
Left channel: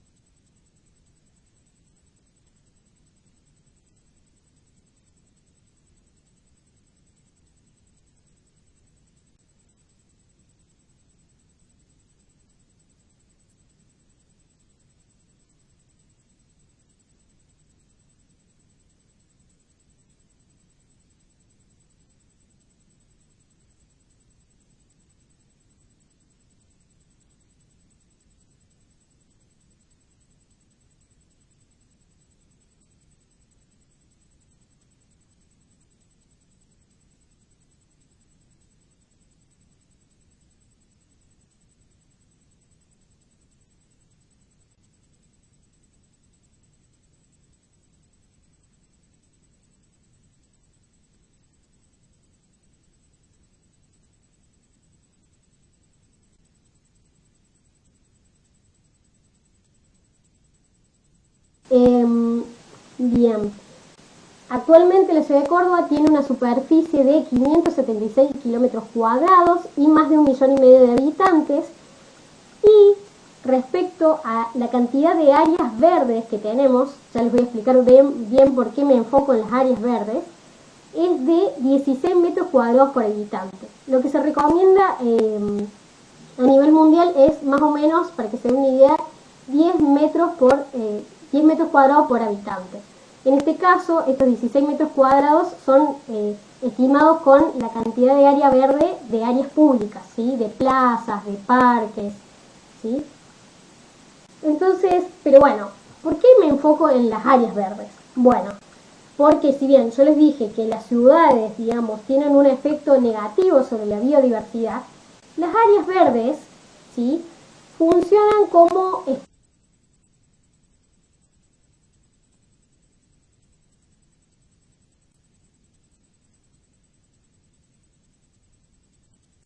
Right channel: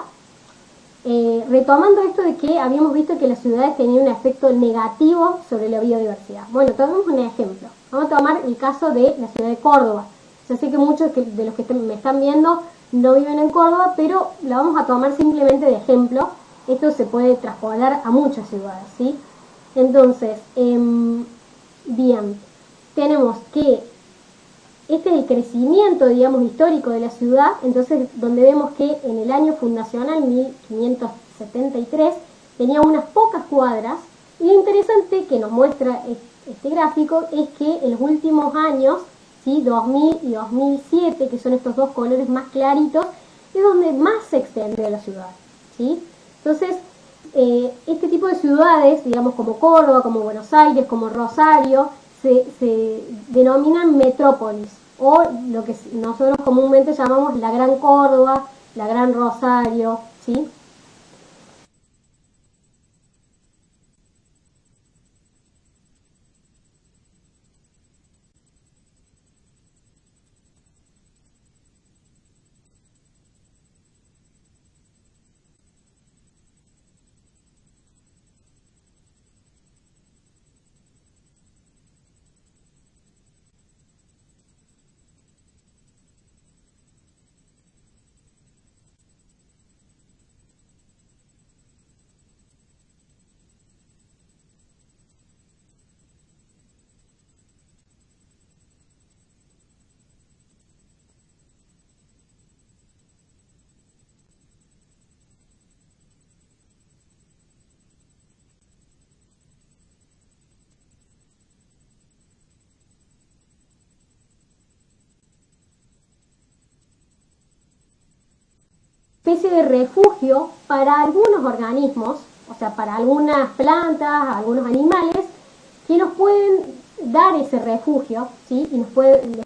Retomando esto de que habíamos visto que las ciudades tenían un efecto negativo sobre la biodiversidad. Bueno, tomemos un ejemplo. Vamos a tomar el caso de la ciudad de Córdoba. Yo sé que muchos de los que me están viendo no viven en Córdoba, pero la vamos a tomar simplemente de ejemplo. Esto se puede traspolar a muchas ciudades, ¿sí? Entonces, bien, tenemos que este es el crecimiento, digamos, histórico de la ciudad. Entonces, donde vemos que en el año fundacional, 1573, tenía unas pocas cuadras, y lo interesante que nos muestra este gráfico es que en los últimos años, ¿sí? 2000 y 2007, que son estos dos colores más claritos, es donde más se extendió la ciudad, ¿sí? Entonces, este tipo de ciudades, digamos como Córdoba, como Buenos Aires, como Rosario, se denominan metrópolis, o lo que nosotros comúnmente llamamos la Gran Córdoba, la Gran Rosario, ¿sí? Bien. Actualmente la ciudad de Córdoba tiene una superficie de 576 kilómetros cuadrados y más de 1,5 millones de habitantes. Y respecto a la cantidad de áreas verdes que tenemos, ya les voy a explicar bien por qué me enfoco en las áreas verdes, es de 16 metros cuadrados por habitante. Lo que se recomienda a nivel mundial es más o menos, para que se den una idea, 10 metros cuadrados por habitante. En este caso, estos 16 metros cuadrados son estimados con la cantidad de área verde de áreas públicas, ¿sí? De plazas, de parques, ¿sí? Entonces, pero bueno, ¿por qué me enfoco en las áreas verdes? Bueno, porque si bien yo les dije que las ciudades, digamos, tienen un efecto negativo sobre la biodiversidad, las áreas verdes, ¿sí? Funcionan como especie de refugio para algunos organismos, o sea, para algunas plantas, algunos animales, que nos pueden dar ese refugio, ¿sí? Y les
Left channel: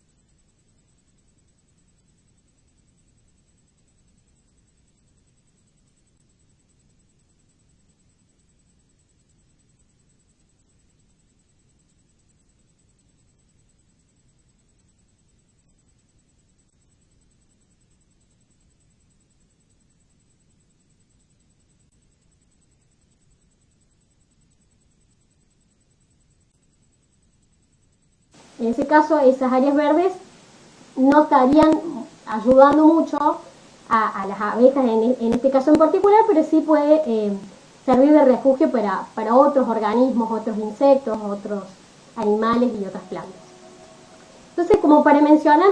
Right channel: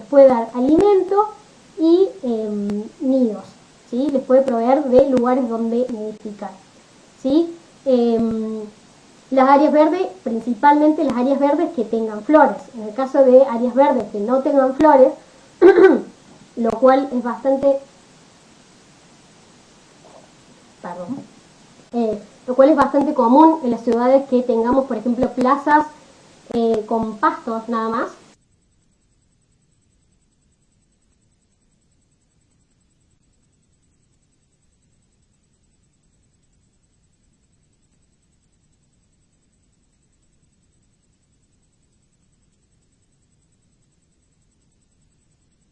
puede dar alimento y nidos, ¿sí? Les puede proveer de lugares donde nidificar, ¿sí? Las áreas verdes, principalmente las áreas verdes que tengan flores. En el caso de áreas verdes que no tengan flores, lo cual es bastante... lo cual es bastante común en las ciudades que tengamos, por ejemplo, plazas con pastos nada más. En ese caso, esas áreas verdes no estarían ayudando mucho a las abejas en este caso en particular, pero sí puede servir de refugio para otros organismos, otros insectos, otros animales y otras plantas. Entonces, como para mencionar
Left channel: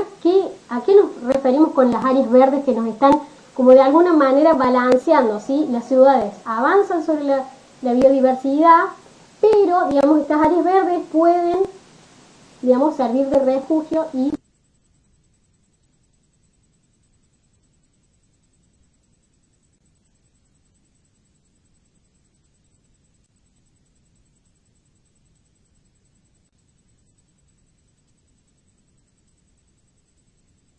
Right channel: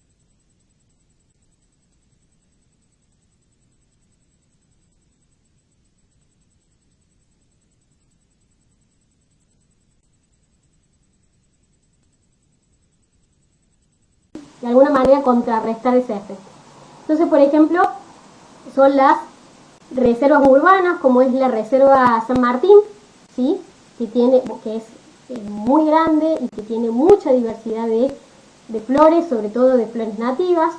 a qué nos referimos con las áreas verdes que nos están como de alguna manera balanceando, ¿sí? Las ciudades avanzan sobre la biodiversidad, pero, digamos, estas áreas verdes pueden, digamos, servir de refugio y de alguna manera contrarrestar ese efecto. Entonces, por ejemplo, son las reservas urbanas, como es la Reserva San Martín, ¿sí? que es muy grande y que tiene mucha diversidad de flores, sobre todo de flores nativas.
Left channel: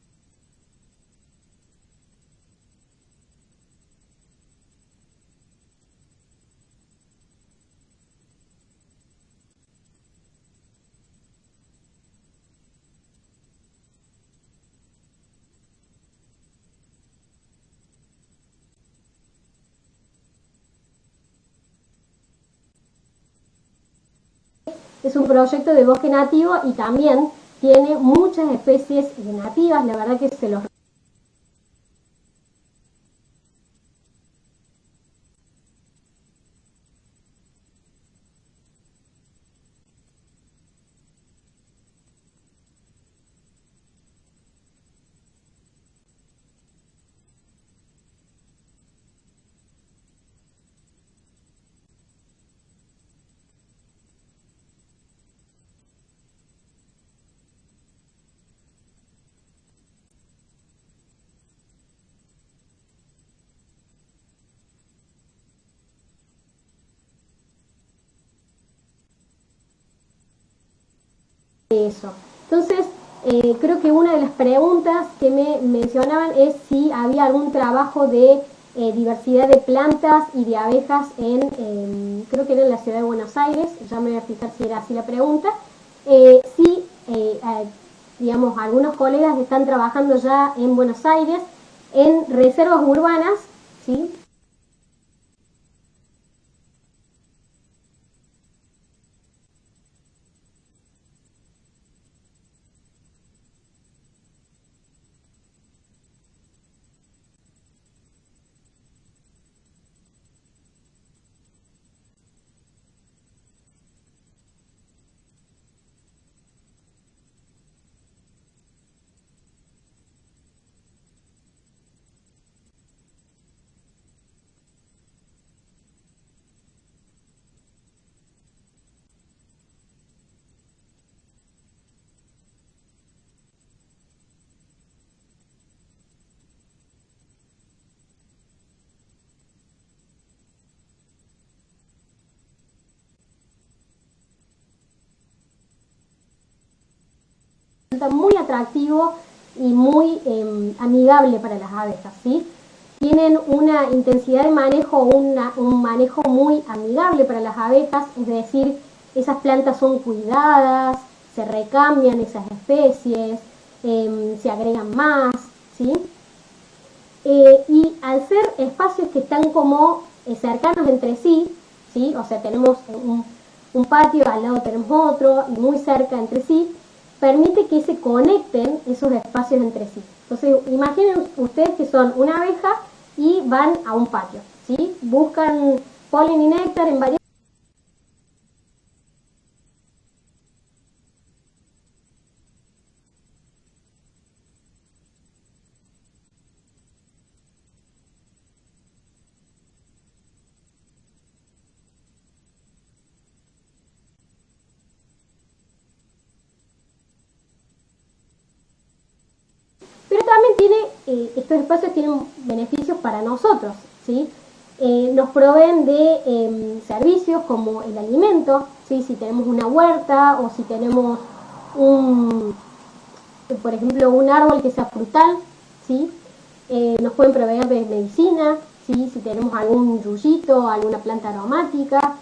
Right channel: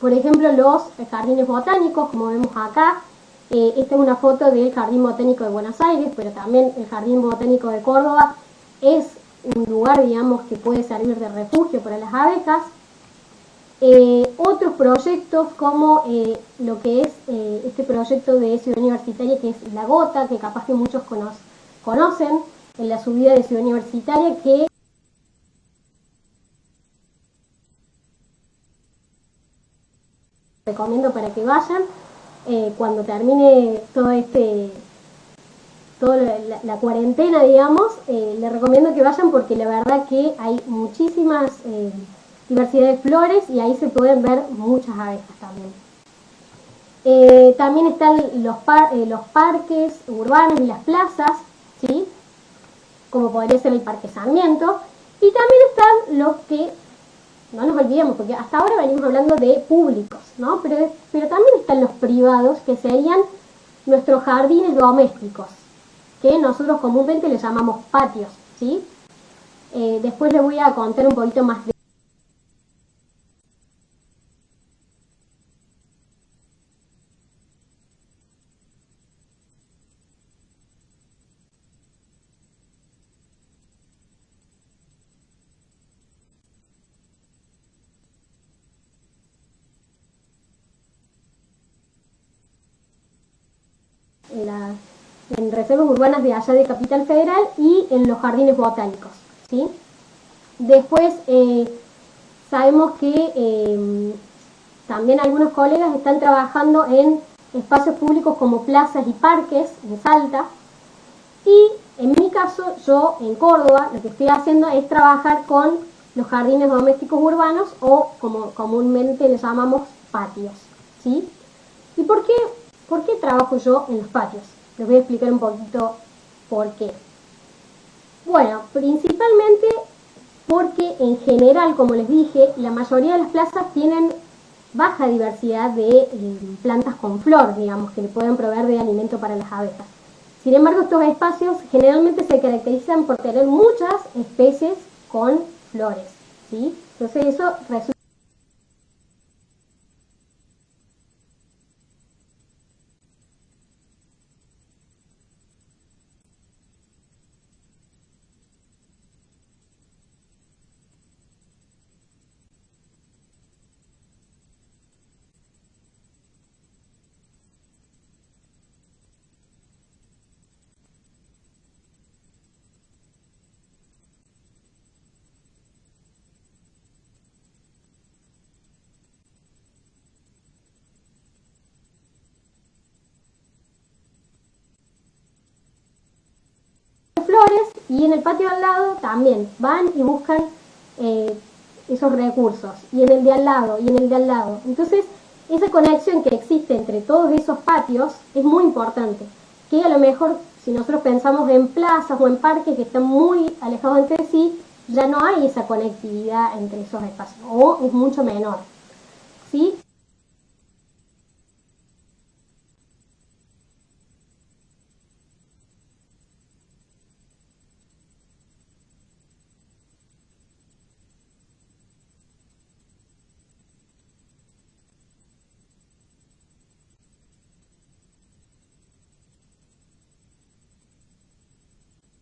Por ejemplo, los jardines botánicos, como vemos acá. Esta es una foto del Jardín Botánico de Buenos Aires, pero también el Jardín Botánico de Córdoba es un lugar, digamos, que puede servir de refugio para las abejas. Otros proyectos como lo que es este proyecto de Ciudad Universitaria, que es La Gota, que capaz que muchos conocen, en la subida de Ciudad Universitaria, que es un proyecto de bosque nativo y también tiene muchas especies nativas. La verdad que se los recomiendo para que vayan cuando termine toda la cuarentena, digamos. Les recomiendo que vayan porque la verdad que hay muchísimas diversidad de flores y ahí se pueden ver muchas abejas también. También están los parques urbanos y las plazas, ¿sí? Como podría ser el Parque Sarmiento. Y también están los que, no nos olvidemos, porque hasta ahora venimos hablando de públicos, ¿no? Pero también están los privados, que serían nuestros jardines domésticos, que nosotros comúnmente les llamamos patios, ¿sí? Después les voy a contar un poquito más de eso. Entonces, creo que una de las preguntas que me mencionaban es si había algún trabajo de diversidad de plantas y de abejas creo que era en la ciudad de Buenos Aires. Ya me voy a fijar si era así la pregunta. Sí, digamos, algunos colegas están trabajando ya en Buenos Aires en reservas urbanas, ¿sí? En reservas urbanas de allá de Capital Federal y en los jardines botánicos, ¿sí? Después sabemos que también algunos colegas están trabajando en espacios públicos como plazas y parques en Salta. Y en mi caso, yo en Córdoba, lo que estoy haciendo es trabajar con los jardines domésticos urbanos, o como comúnmente les llamamos patios, ¿sí? ¿Y por qué trabajo yo en los patios? Les voy a explicar un poquito por qué. Bueno, principalmente porque en general, como les dije, la mayoría de las plazas tienen baja diversidad de plantas con flor, digamos, que le pueden proveer de alimento para las abejas. Sin embargo, estos espacios generalmente se caracterizan por tener muchas especies con flores, ¿sí? Entonces eso resulta muy atractivo y muy amigable para las abejas, ¿sí? Tienen una intensidad de manejo, un manejo muy amigable para las abejas, es decir, esas plantas son cuidadas, se recambian esas especies, se agregan más, ¿sí? Y al ser espacios que están como cercanos entre sí, ¿sí? O sea, tenemos un patio, al lado tenemos otro, y muy cerca entre sí, permite que se conecten esos espacios entre sí. Entonces, imaginen ustedes que son una abeja y van a un patio, ¿sí? Buscan polen y néctar en varias flores, y en el patio al lado también van y buscan esos recursos, y en el de al lado, y en el de al lado. Entonces, esa conexión que existe entre todos esos patios es muy importante, que a lo mejor si nosotros pensamos en plazas o en parques que están muy alejados entre sí, ya no hay esa conectividad entre esos espacios, o es mucho menor, ¿sí? Pero también estos espacios tienen beneficios para nosotros, ¿sí? Nos proveen de servicios como el alimento, ¿sí? Si tenemos una huerta o si tenemos por ejemplo, un árbol que sea frutal, ¿sí? Nos pueden proveer de medicina, ¿sí? Si tenemos algún yuyito, alguna planta aromática,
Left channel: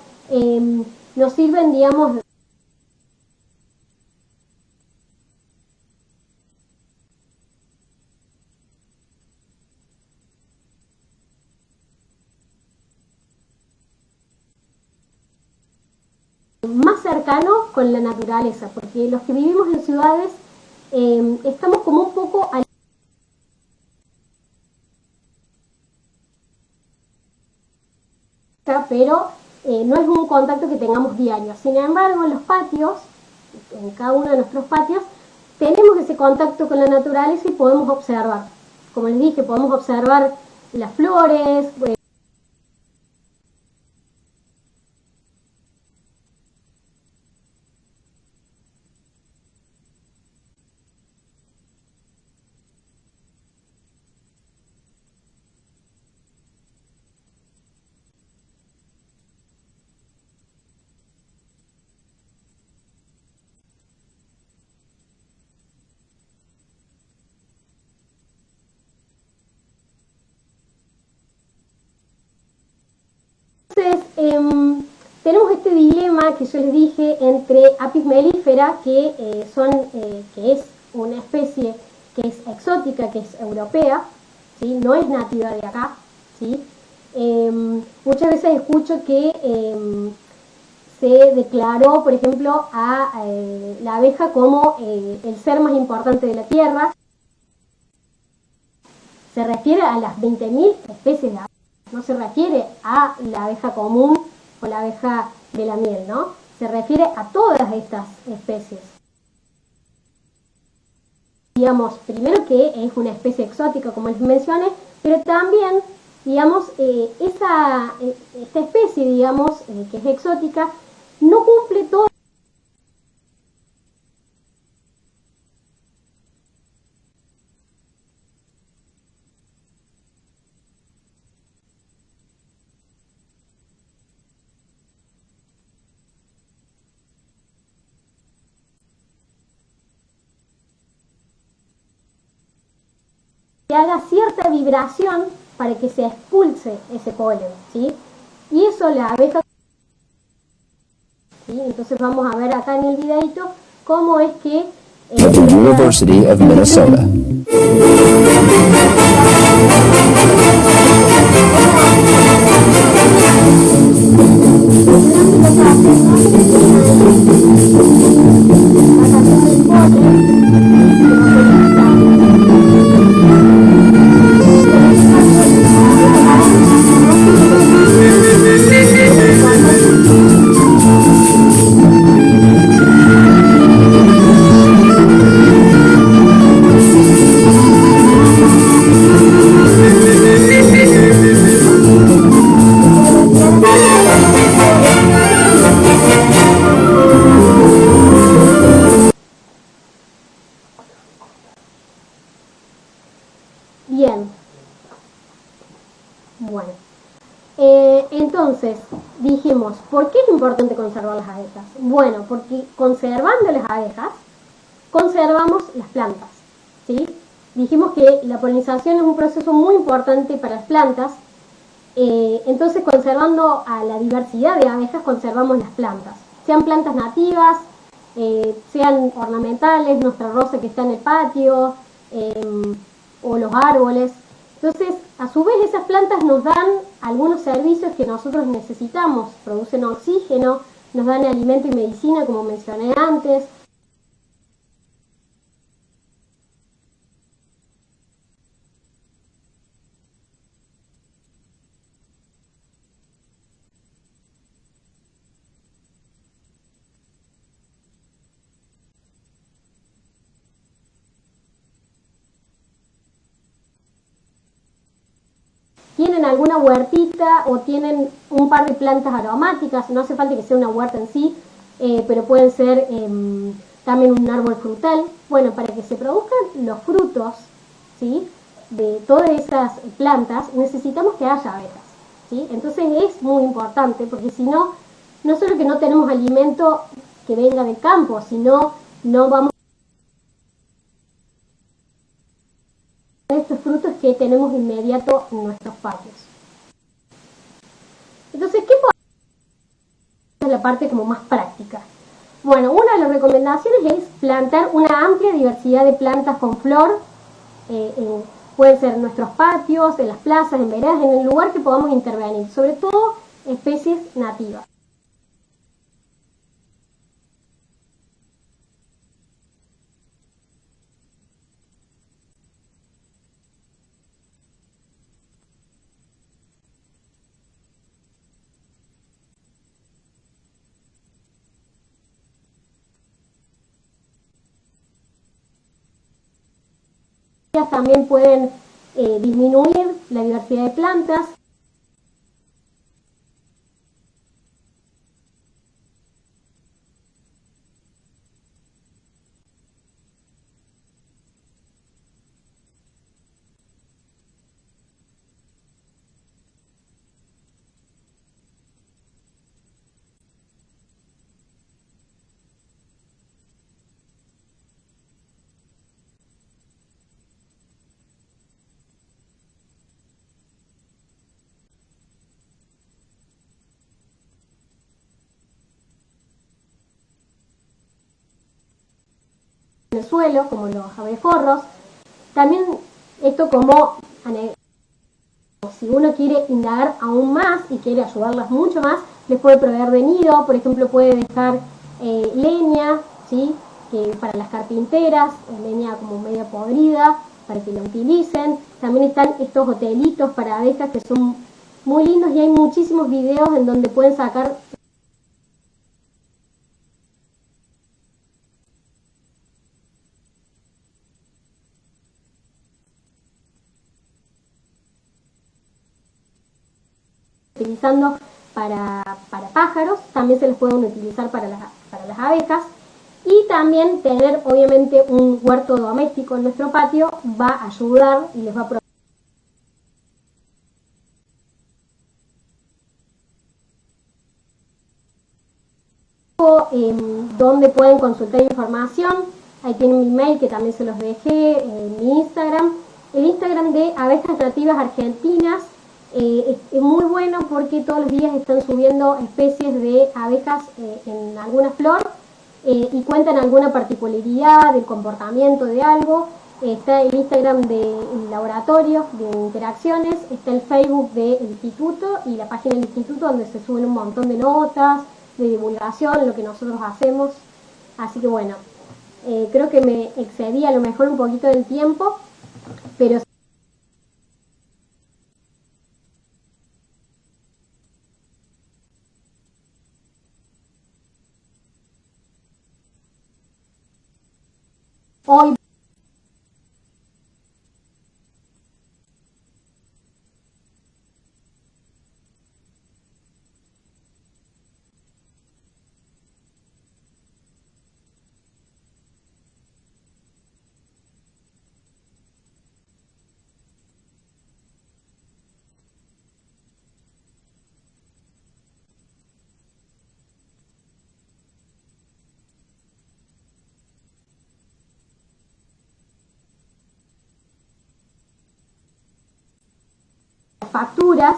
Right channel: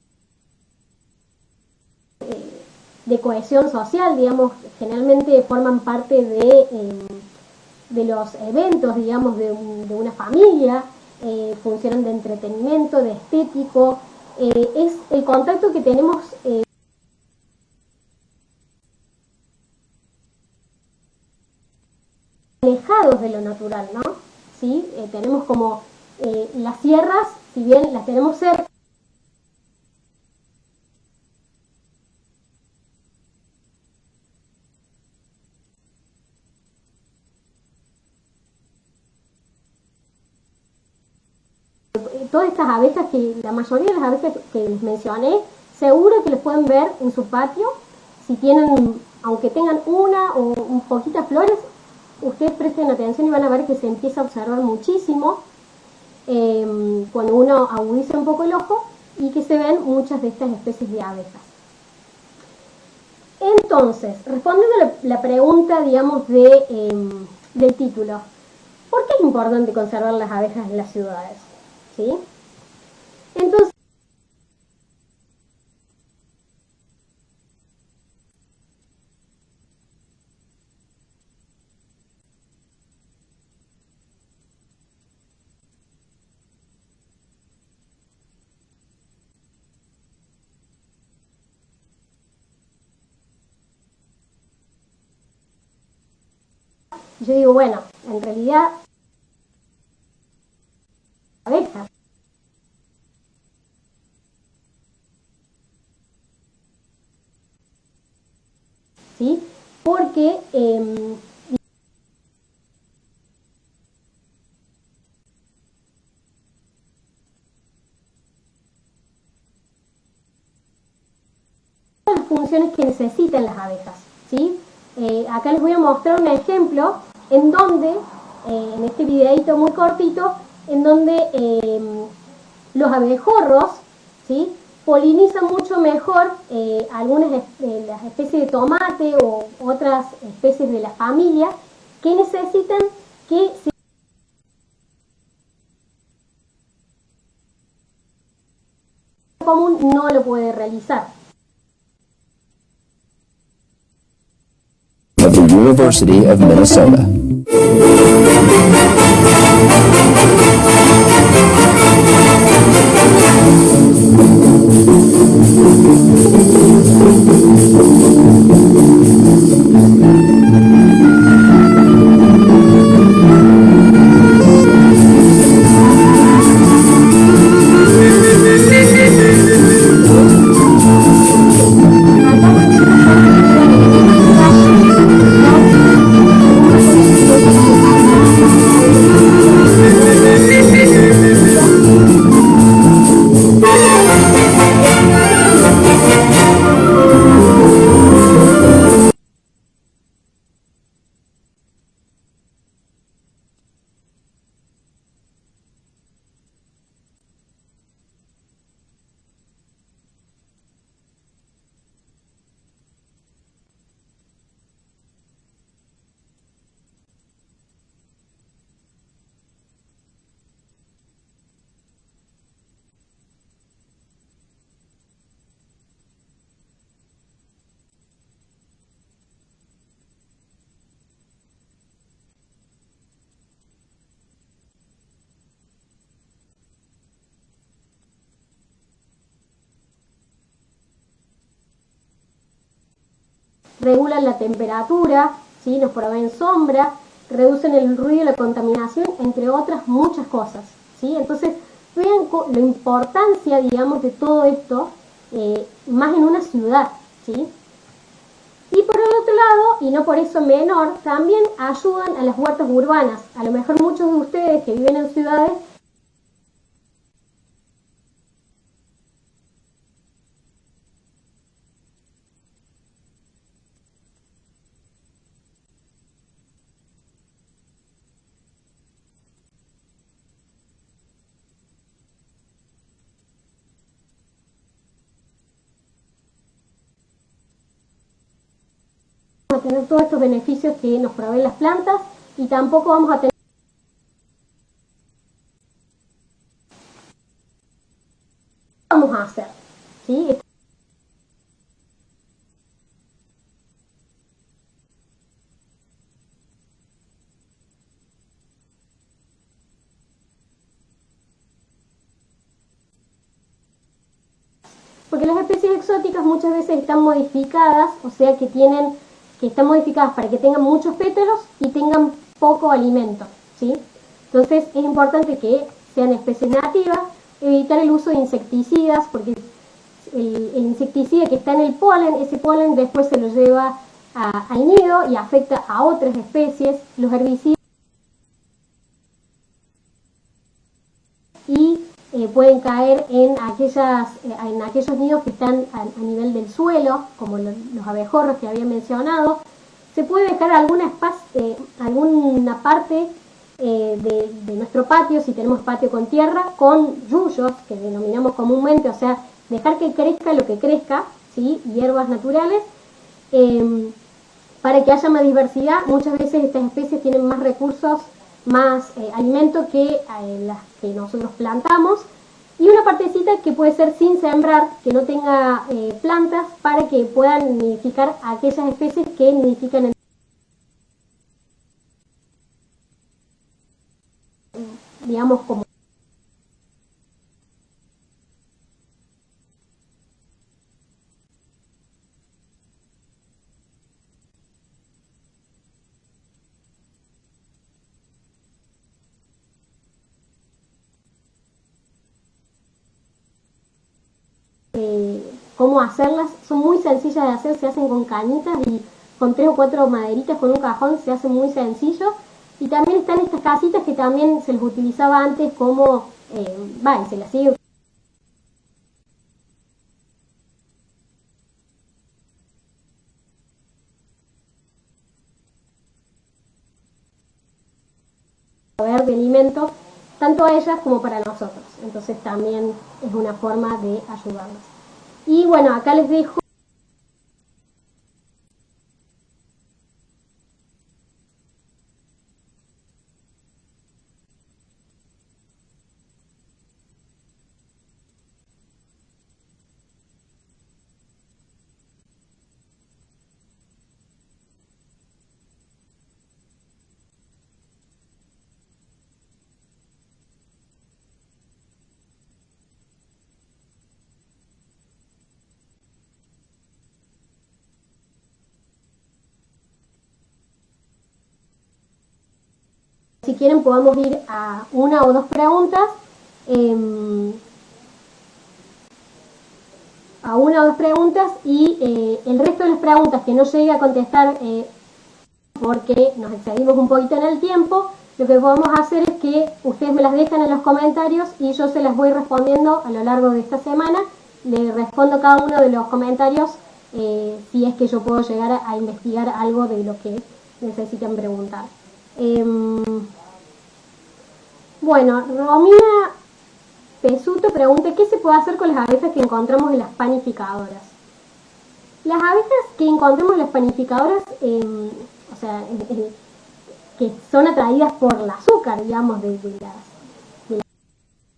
nos sirven, digamos, de cohesión social, digamos, generalmente forman parte de los eventos, digamos, de una familia, funcionan de entretenimiento, de estético, es el contacto que tenemos más cercano con la naturaleza, porque los que vivimos en ciudades estamos como un poco alejados de lo natural, ¿no? ¿Sí? Tenemos como las sierras, si bien las tenemos cerca, pero no es un contacto que tengamos diario. Sin embargo, en los patios, en cada uno de nuestros patios, tenemos ese contacto con la naturaleza y podemos observar. Como les dije, podemos observar las flores, todas estas abejas, que la mayoría de las abejas que les mencioné, seguro que les pueden ver en su patio. Si tienen, aunque tengan una o un poquitas flores, ustedes presten atención y van a ver que se empieza a observar muchísimo cuando uno agudiza un poco el ojo, y que se ven muchas de estas especies de abejas. Entonces, respondiendo a la pregunta, digamos, del título, ¿por qué es importante conservar las abejas en las ciudades? ¿Sí? Entonces, tenemos este dilema que yo les dije entre Apis mellifera, que es una especie que es exótica, que es europea, ¿sí? No es nativa de acá, ¿sí? Muchas veces escucho que se declaró, por ejemplo, a la abeja como el ser más importante de la Tierra. Y yo digo, bueno, en realidad se refiere a las 20.000 especies de abejas, no se refiere a la abeja común o la abeja de la miel, ¿no? Se refiere a todas estas especies, ¿sí? Porque, digamos, primero que es una especie exótica, como les mencioné, pero también, digamos, esta especie, digamos, que es exótica, no cumple todas las funciones que necesitan las abejas, ¿sí? Acá les voy a mostrar un ejemplo en donde, en este videito muy cortito, en donde los abejorros, ¿sí?, polinizan mucho mejor algunas las especies de tomate o otras especies de la familia que necesitan que se haga cierta vibración para que se expulse ese polen, ¿sí? Y eso la abeja común no lo puede realizar, ¿sí? Entonces vamos a ver acá en el videito cómo es que of the University of Minnesota. Bueno, entonces dijimos, ¿por qué es importante conservar las abejas? Bueno, porque conservando las abejas, conservamos las plantas, ¿sí? Dijimos que la polinización es un proceso muy importante para las plantas, entonces conservando a la diversidad de abejas, conservamos las plantas, sean plantas nativas, sean ornamentales, nuestra rosa que está en el patio, o los árboles. Entonces, a su vez, esas plantas nos dan algunos servicios que nosotros necesitamos, producen oxígeno, nos dan alimento y medicina, como mencioné antes, regulan la temperatura, ¿sí? Nos proveen sombra, reducen el ruido y la contaminación, entre otras muchas cosas, ¿sí? Entonces, vean la importancia, digamos, de todo esto, más en una ciudad, ¿sí? Y por el otro lado, y no por eso menor, también ayudan a las huertas urbanas. A lo mejor muchos de ustedes que viven en ciudades tienen alguna huertita o tienen un par de plantas aromáticas, no hace falta que sea una huerta en sí, pero pueden ser también un árbol frutal. Bueno, para que se produzcan los frutos, ¿sí?, de todas esas plantas, necesitamos que haya abejas, ¿sí? Entonces es muy importante, porque si no, no solo que no tenemos alimento que venga del campo, sino no vamos a tener todos estos beneficios que nos proveen las plantas y tampoco vamos a tener estos frutos que tenemos inmediato en nuestros patios. Entonces, ¿qué podemos hacer? ¿Sí? Esta es la parte como más práctica. Bueno, una de las recomendaciones es plantar una amplia diversidad de plantas con flor, pueden ser en nuestros patios, en las plazas, en veredas, en el lugar que podamos intervenir, sobre todo especies nativas. Porque las especies exóticas muchas veces están modificadas, o sea que están modificadas para que tengan muchos pétalos y tengan poco alimento, ¿sí? Entonces es importante que sean especies nativas, evitar el uso de insecticidas, porque el insecticida que está en el polen, ese polen después se lo lleva al nido y afecta a otras especies. Los herbicidas también pueden disminuir la diversidad de plantas y pueden caer en aquellos nidos que están a nivel del suelo, como los abejorros que había mencionado. Se puede dejar alguna parte de nuestro patio, si tenemos patio con tierra, con yuyos, que denominamos comúnmente, o sea, dejar que crezca lo que crezca, ¿sí?, hierbas naturales, para que haya más diversidad. Muchas veces estas especies tienen más recursos, más alimento que las que nosotros plantamos, y una partecita que puede ser sin sembrar, que no tenga plantas, para que puedan nidificar aquellas especies que nidifican en el suelo, como los abejorros. También esto como, digamos, como si uno quiere indagar aún más y quiere ayudarlas mucho más, les puede proveer de nido. Por ejemplo, puede dejar leña, ¿sí?, que para las carpinteras, leña como media podrida, para que la utilicen. También están estos hotelitos para abejas que son muy lindos y hay muchísimos videos en donde pueden sacar cómo hacerlas. Son muy sencillas de hacer, se hacen con cañitas y con 3 o 4 maderitas con un cajón, se hace muy sencillo. Y también están estas casitas que también se les utilizaba antes como, y se las sigue utilizando para pájaros, también se les pueden utilizar para las abejas. Y también tener obviamente un huerto doméstico en nuestro patio va a ayudar y les va a proveer de alimento tanto a ellas como para nosotros. Entonces también es una forma de ayudarlas. Y bueno, acá les dejo donde pueden consultar información. Ahí tienen mi mail, que también se los dejé, mi Instagram. El Instagram de Abejas Nativas Argentinas es muy bueno porque todos los días están subiendo especies de abejas en alguna flor, y cuentan alguna particularidad del comportamiento de algo. Está el Instagram del laboratorio de interacciones, está el Facebook del instituto y la página del instituto, donde se suben un montón de notas, de divulgación, lo que nosotros hacemos. Así que bueno, creo que me excedí a lo mejor un poquito del tiempo, pero si quieren podemos ir a una o dos preguntas. Y el resto de las preguntas que no llegue a contestar hoy porque nos excedimos un poquito en el tiempo, lo que podemos hacer es que ustedes me las dejan en los comentarios y yo se las voy respondiendo a lo largo de esta semana. Le respondo cada uno de los comentarios si es que yo puedo llegar a investigar algo de lo que necesitan preguntar. Bueno, Romina Pesuto pregunta, ¿qué se puede hacer con las abejas que encontramos en las panificadoras? Las abejas que encontramos en las panificadoras, o sea, que son atraídas por el azúcar, digamos, de las facturas,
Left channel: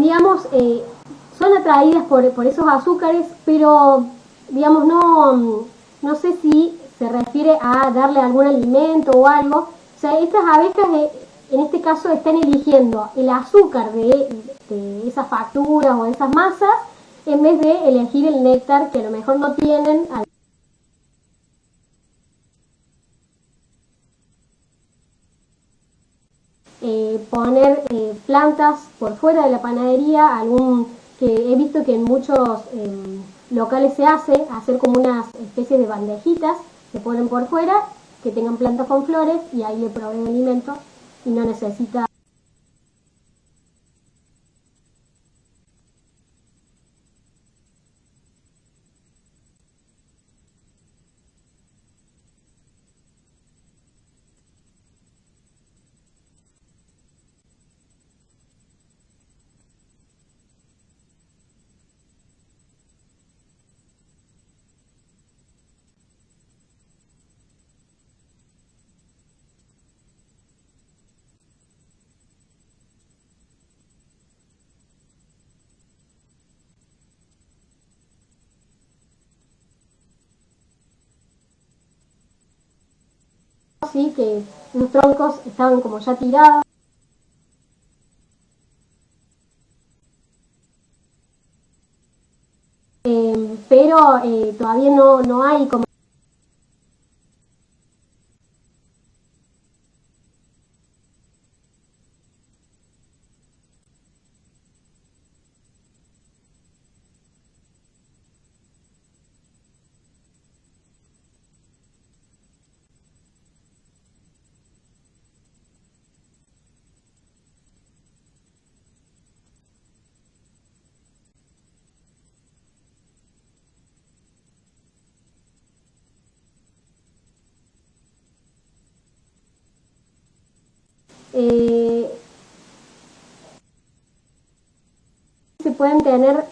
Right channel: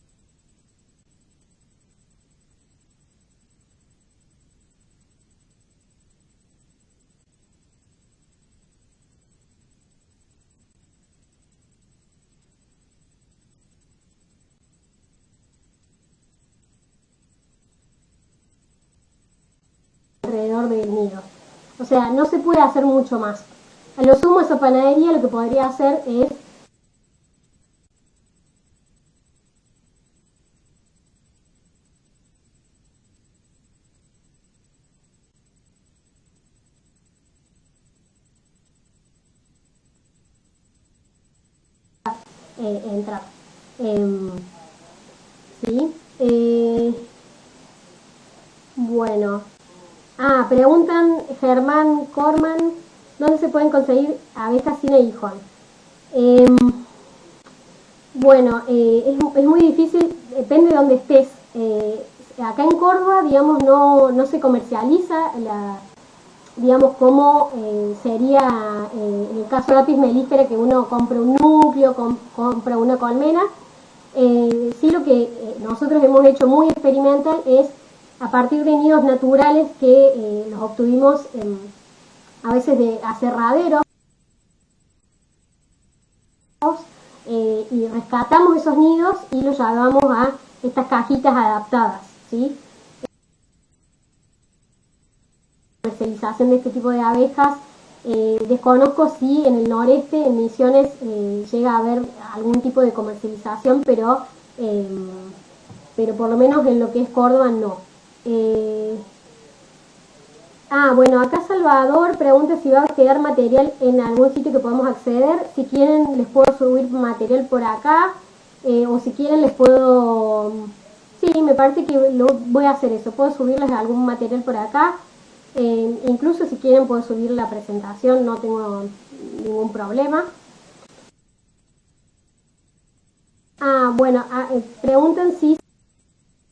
digamos, son atraídas por esos azúcares, pero, digamos, no sé si se refiere a darle algún alimento o algo. O sea, estas abejas, en este caso, están eligiendo el azúcar de esas facturas o de esas masas, en vez de elegir el néctar que a lo mejor no tienen alrededor del nido. O sea, no se puede hacer mucho más. A lo sumo, esa panadería lo que podría hacer es poner plantas por fuera de la panadería, que he visto que en muchos locales se hacer como unas especies de bandejitas que ponen por fuera, que tengan plantas con flores y ahí le proveen alimento y no necesita entrar. ¿Sí? Bueno. Preguntan Germán Corman, ¿dónde se pueden conseguir abejas sin aguijón? Bueno, es muy difícil, depende de dónde estés. Acá en Córdoba, digamos, no se comercializa digamos, como sería en el caso de Apis mellifera, que uno compra un núcleo, compra una colmena. Sí, lo que nosotros hemos hecho muy experimental es a partir de nidos naturales que los obtuvimos a veces de aserraderos, ¿sí? Que los troncos estaban como ya tirados, y rescatamos esos nidos y los llevamos a estas cajitas adaptadas, ¿sí? Pero todavía no hay comercialización de este tipo de abejas. Desconozco si en el noreste, en Misiones, llega a haber algún tipo de comercialización, pero por lo menos en lo que es Córdoba no. Bueno, acá Salvador pregunta si va a quedar material en algún sitio que podamos acceder. Si quieren les puedo subir material por acá, o si quieren les puedo... Sí, me parece que voy a hacer eso, puedo subirles algún material por acá. Incluso si quieren puedo subir la presentación, no tengo ningún problema. Bueno, preguntan si se pueden tener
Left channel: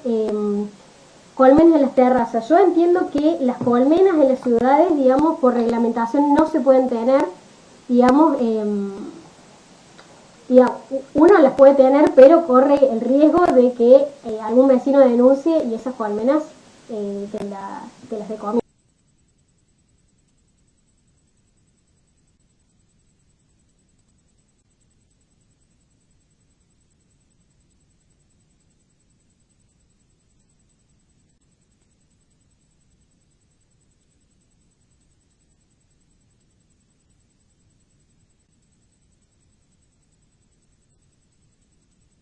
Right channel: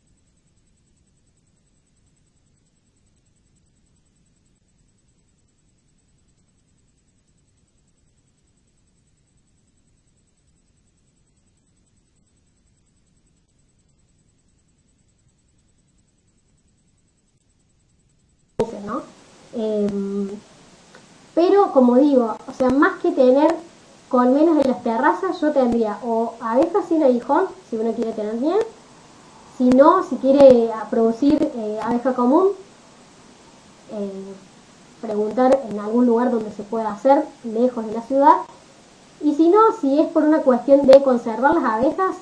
colmenas en las terrazas. Yo entiendo que las colmenas en las ciudades, digamos, por reglamentación no se pueden tener, digamos, uno las puede tener, pero corre el riesgo de que algún vecino denuncie y esas colmenas te las decomisen, ¿no? Pero, como digo, o sea, más que tener colmenas en las terrazas, yo tendría o abejas sin aguijón, si uno quiere tener bien. Si no, si quiere producir abeja común, preguntar en algún lugar donde se pueda hacer, lejos de la ciudad. Y si no, si es por una cuestión de conservar las abejas,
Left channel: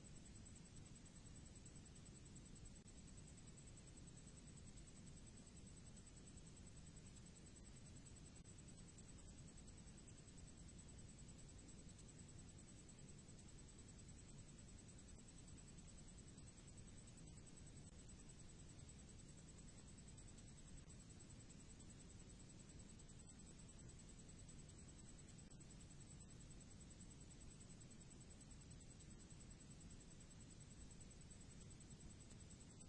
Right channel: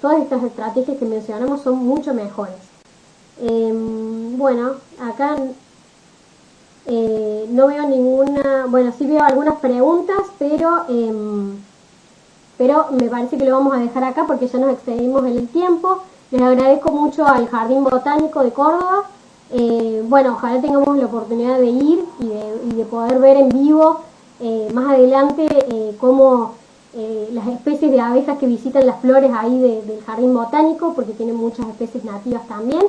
todas estas estrategias que mencionamos son mucho mejores. Bueno, acá no veo ninguna... Bueno, sí veo algunas preguntas, pero me parece que lo vamos a dejar acá porque ya nos excedimos en el tiempo. Les agradezco mucho al Jardín Botánico de Córdoba. Bueno, ojalá tengamos la oportunidad de ir y de poder ver en vivo más adelante cómo las especies de abejas que visitan las flores ahí del Jardín Botánico, porque tienen muchas especies nativas también.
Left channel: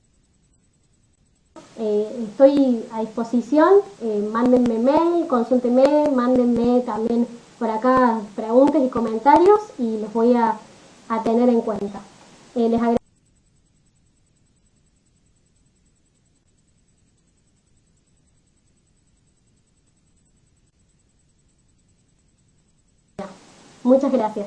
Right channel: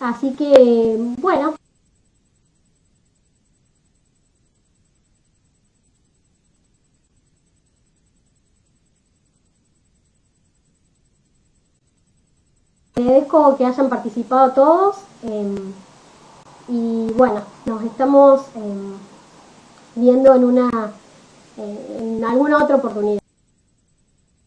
Así que, bueno, estoy a disposición. Mándenme mail, consúltenme, mándenme también por acá preguntas y comentarios y los voy a tener en cuenta. Les agradezco que hayan participado todos y bueno, nos estamos viendo en alguna otra oportunidad. Muchas gracias.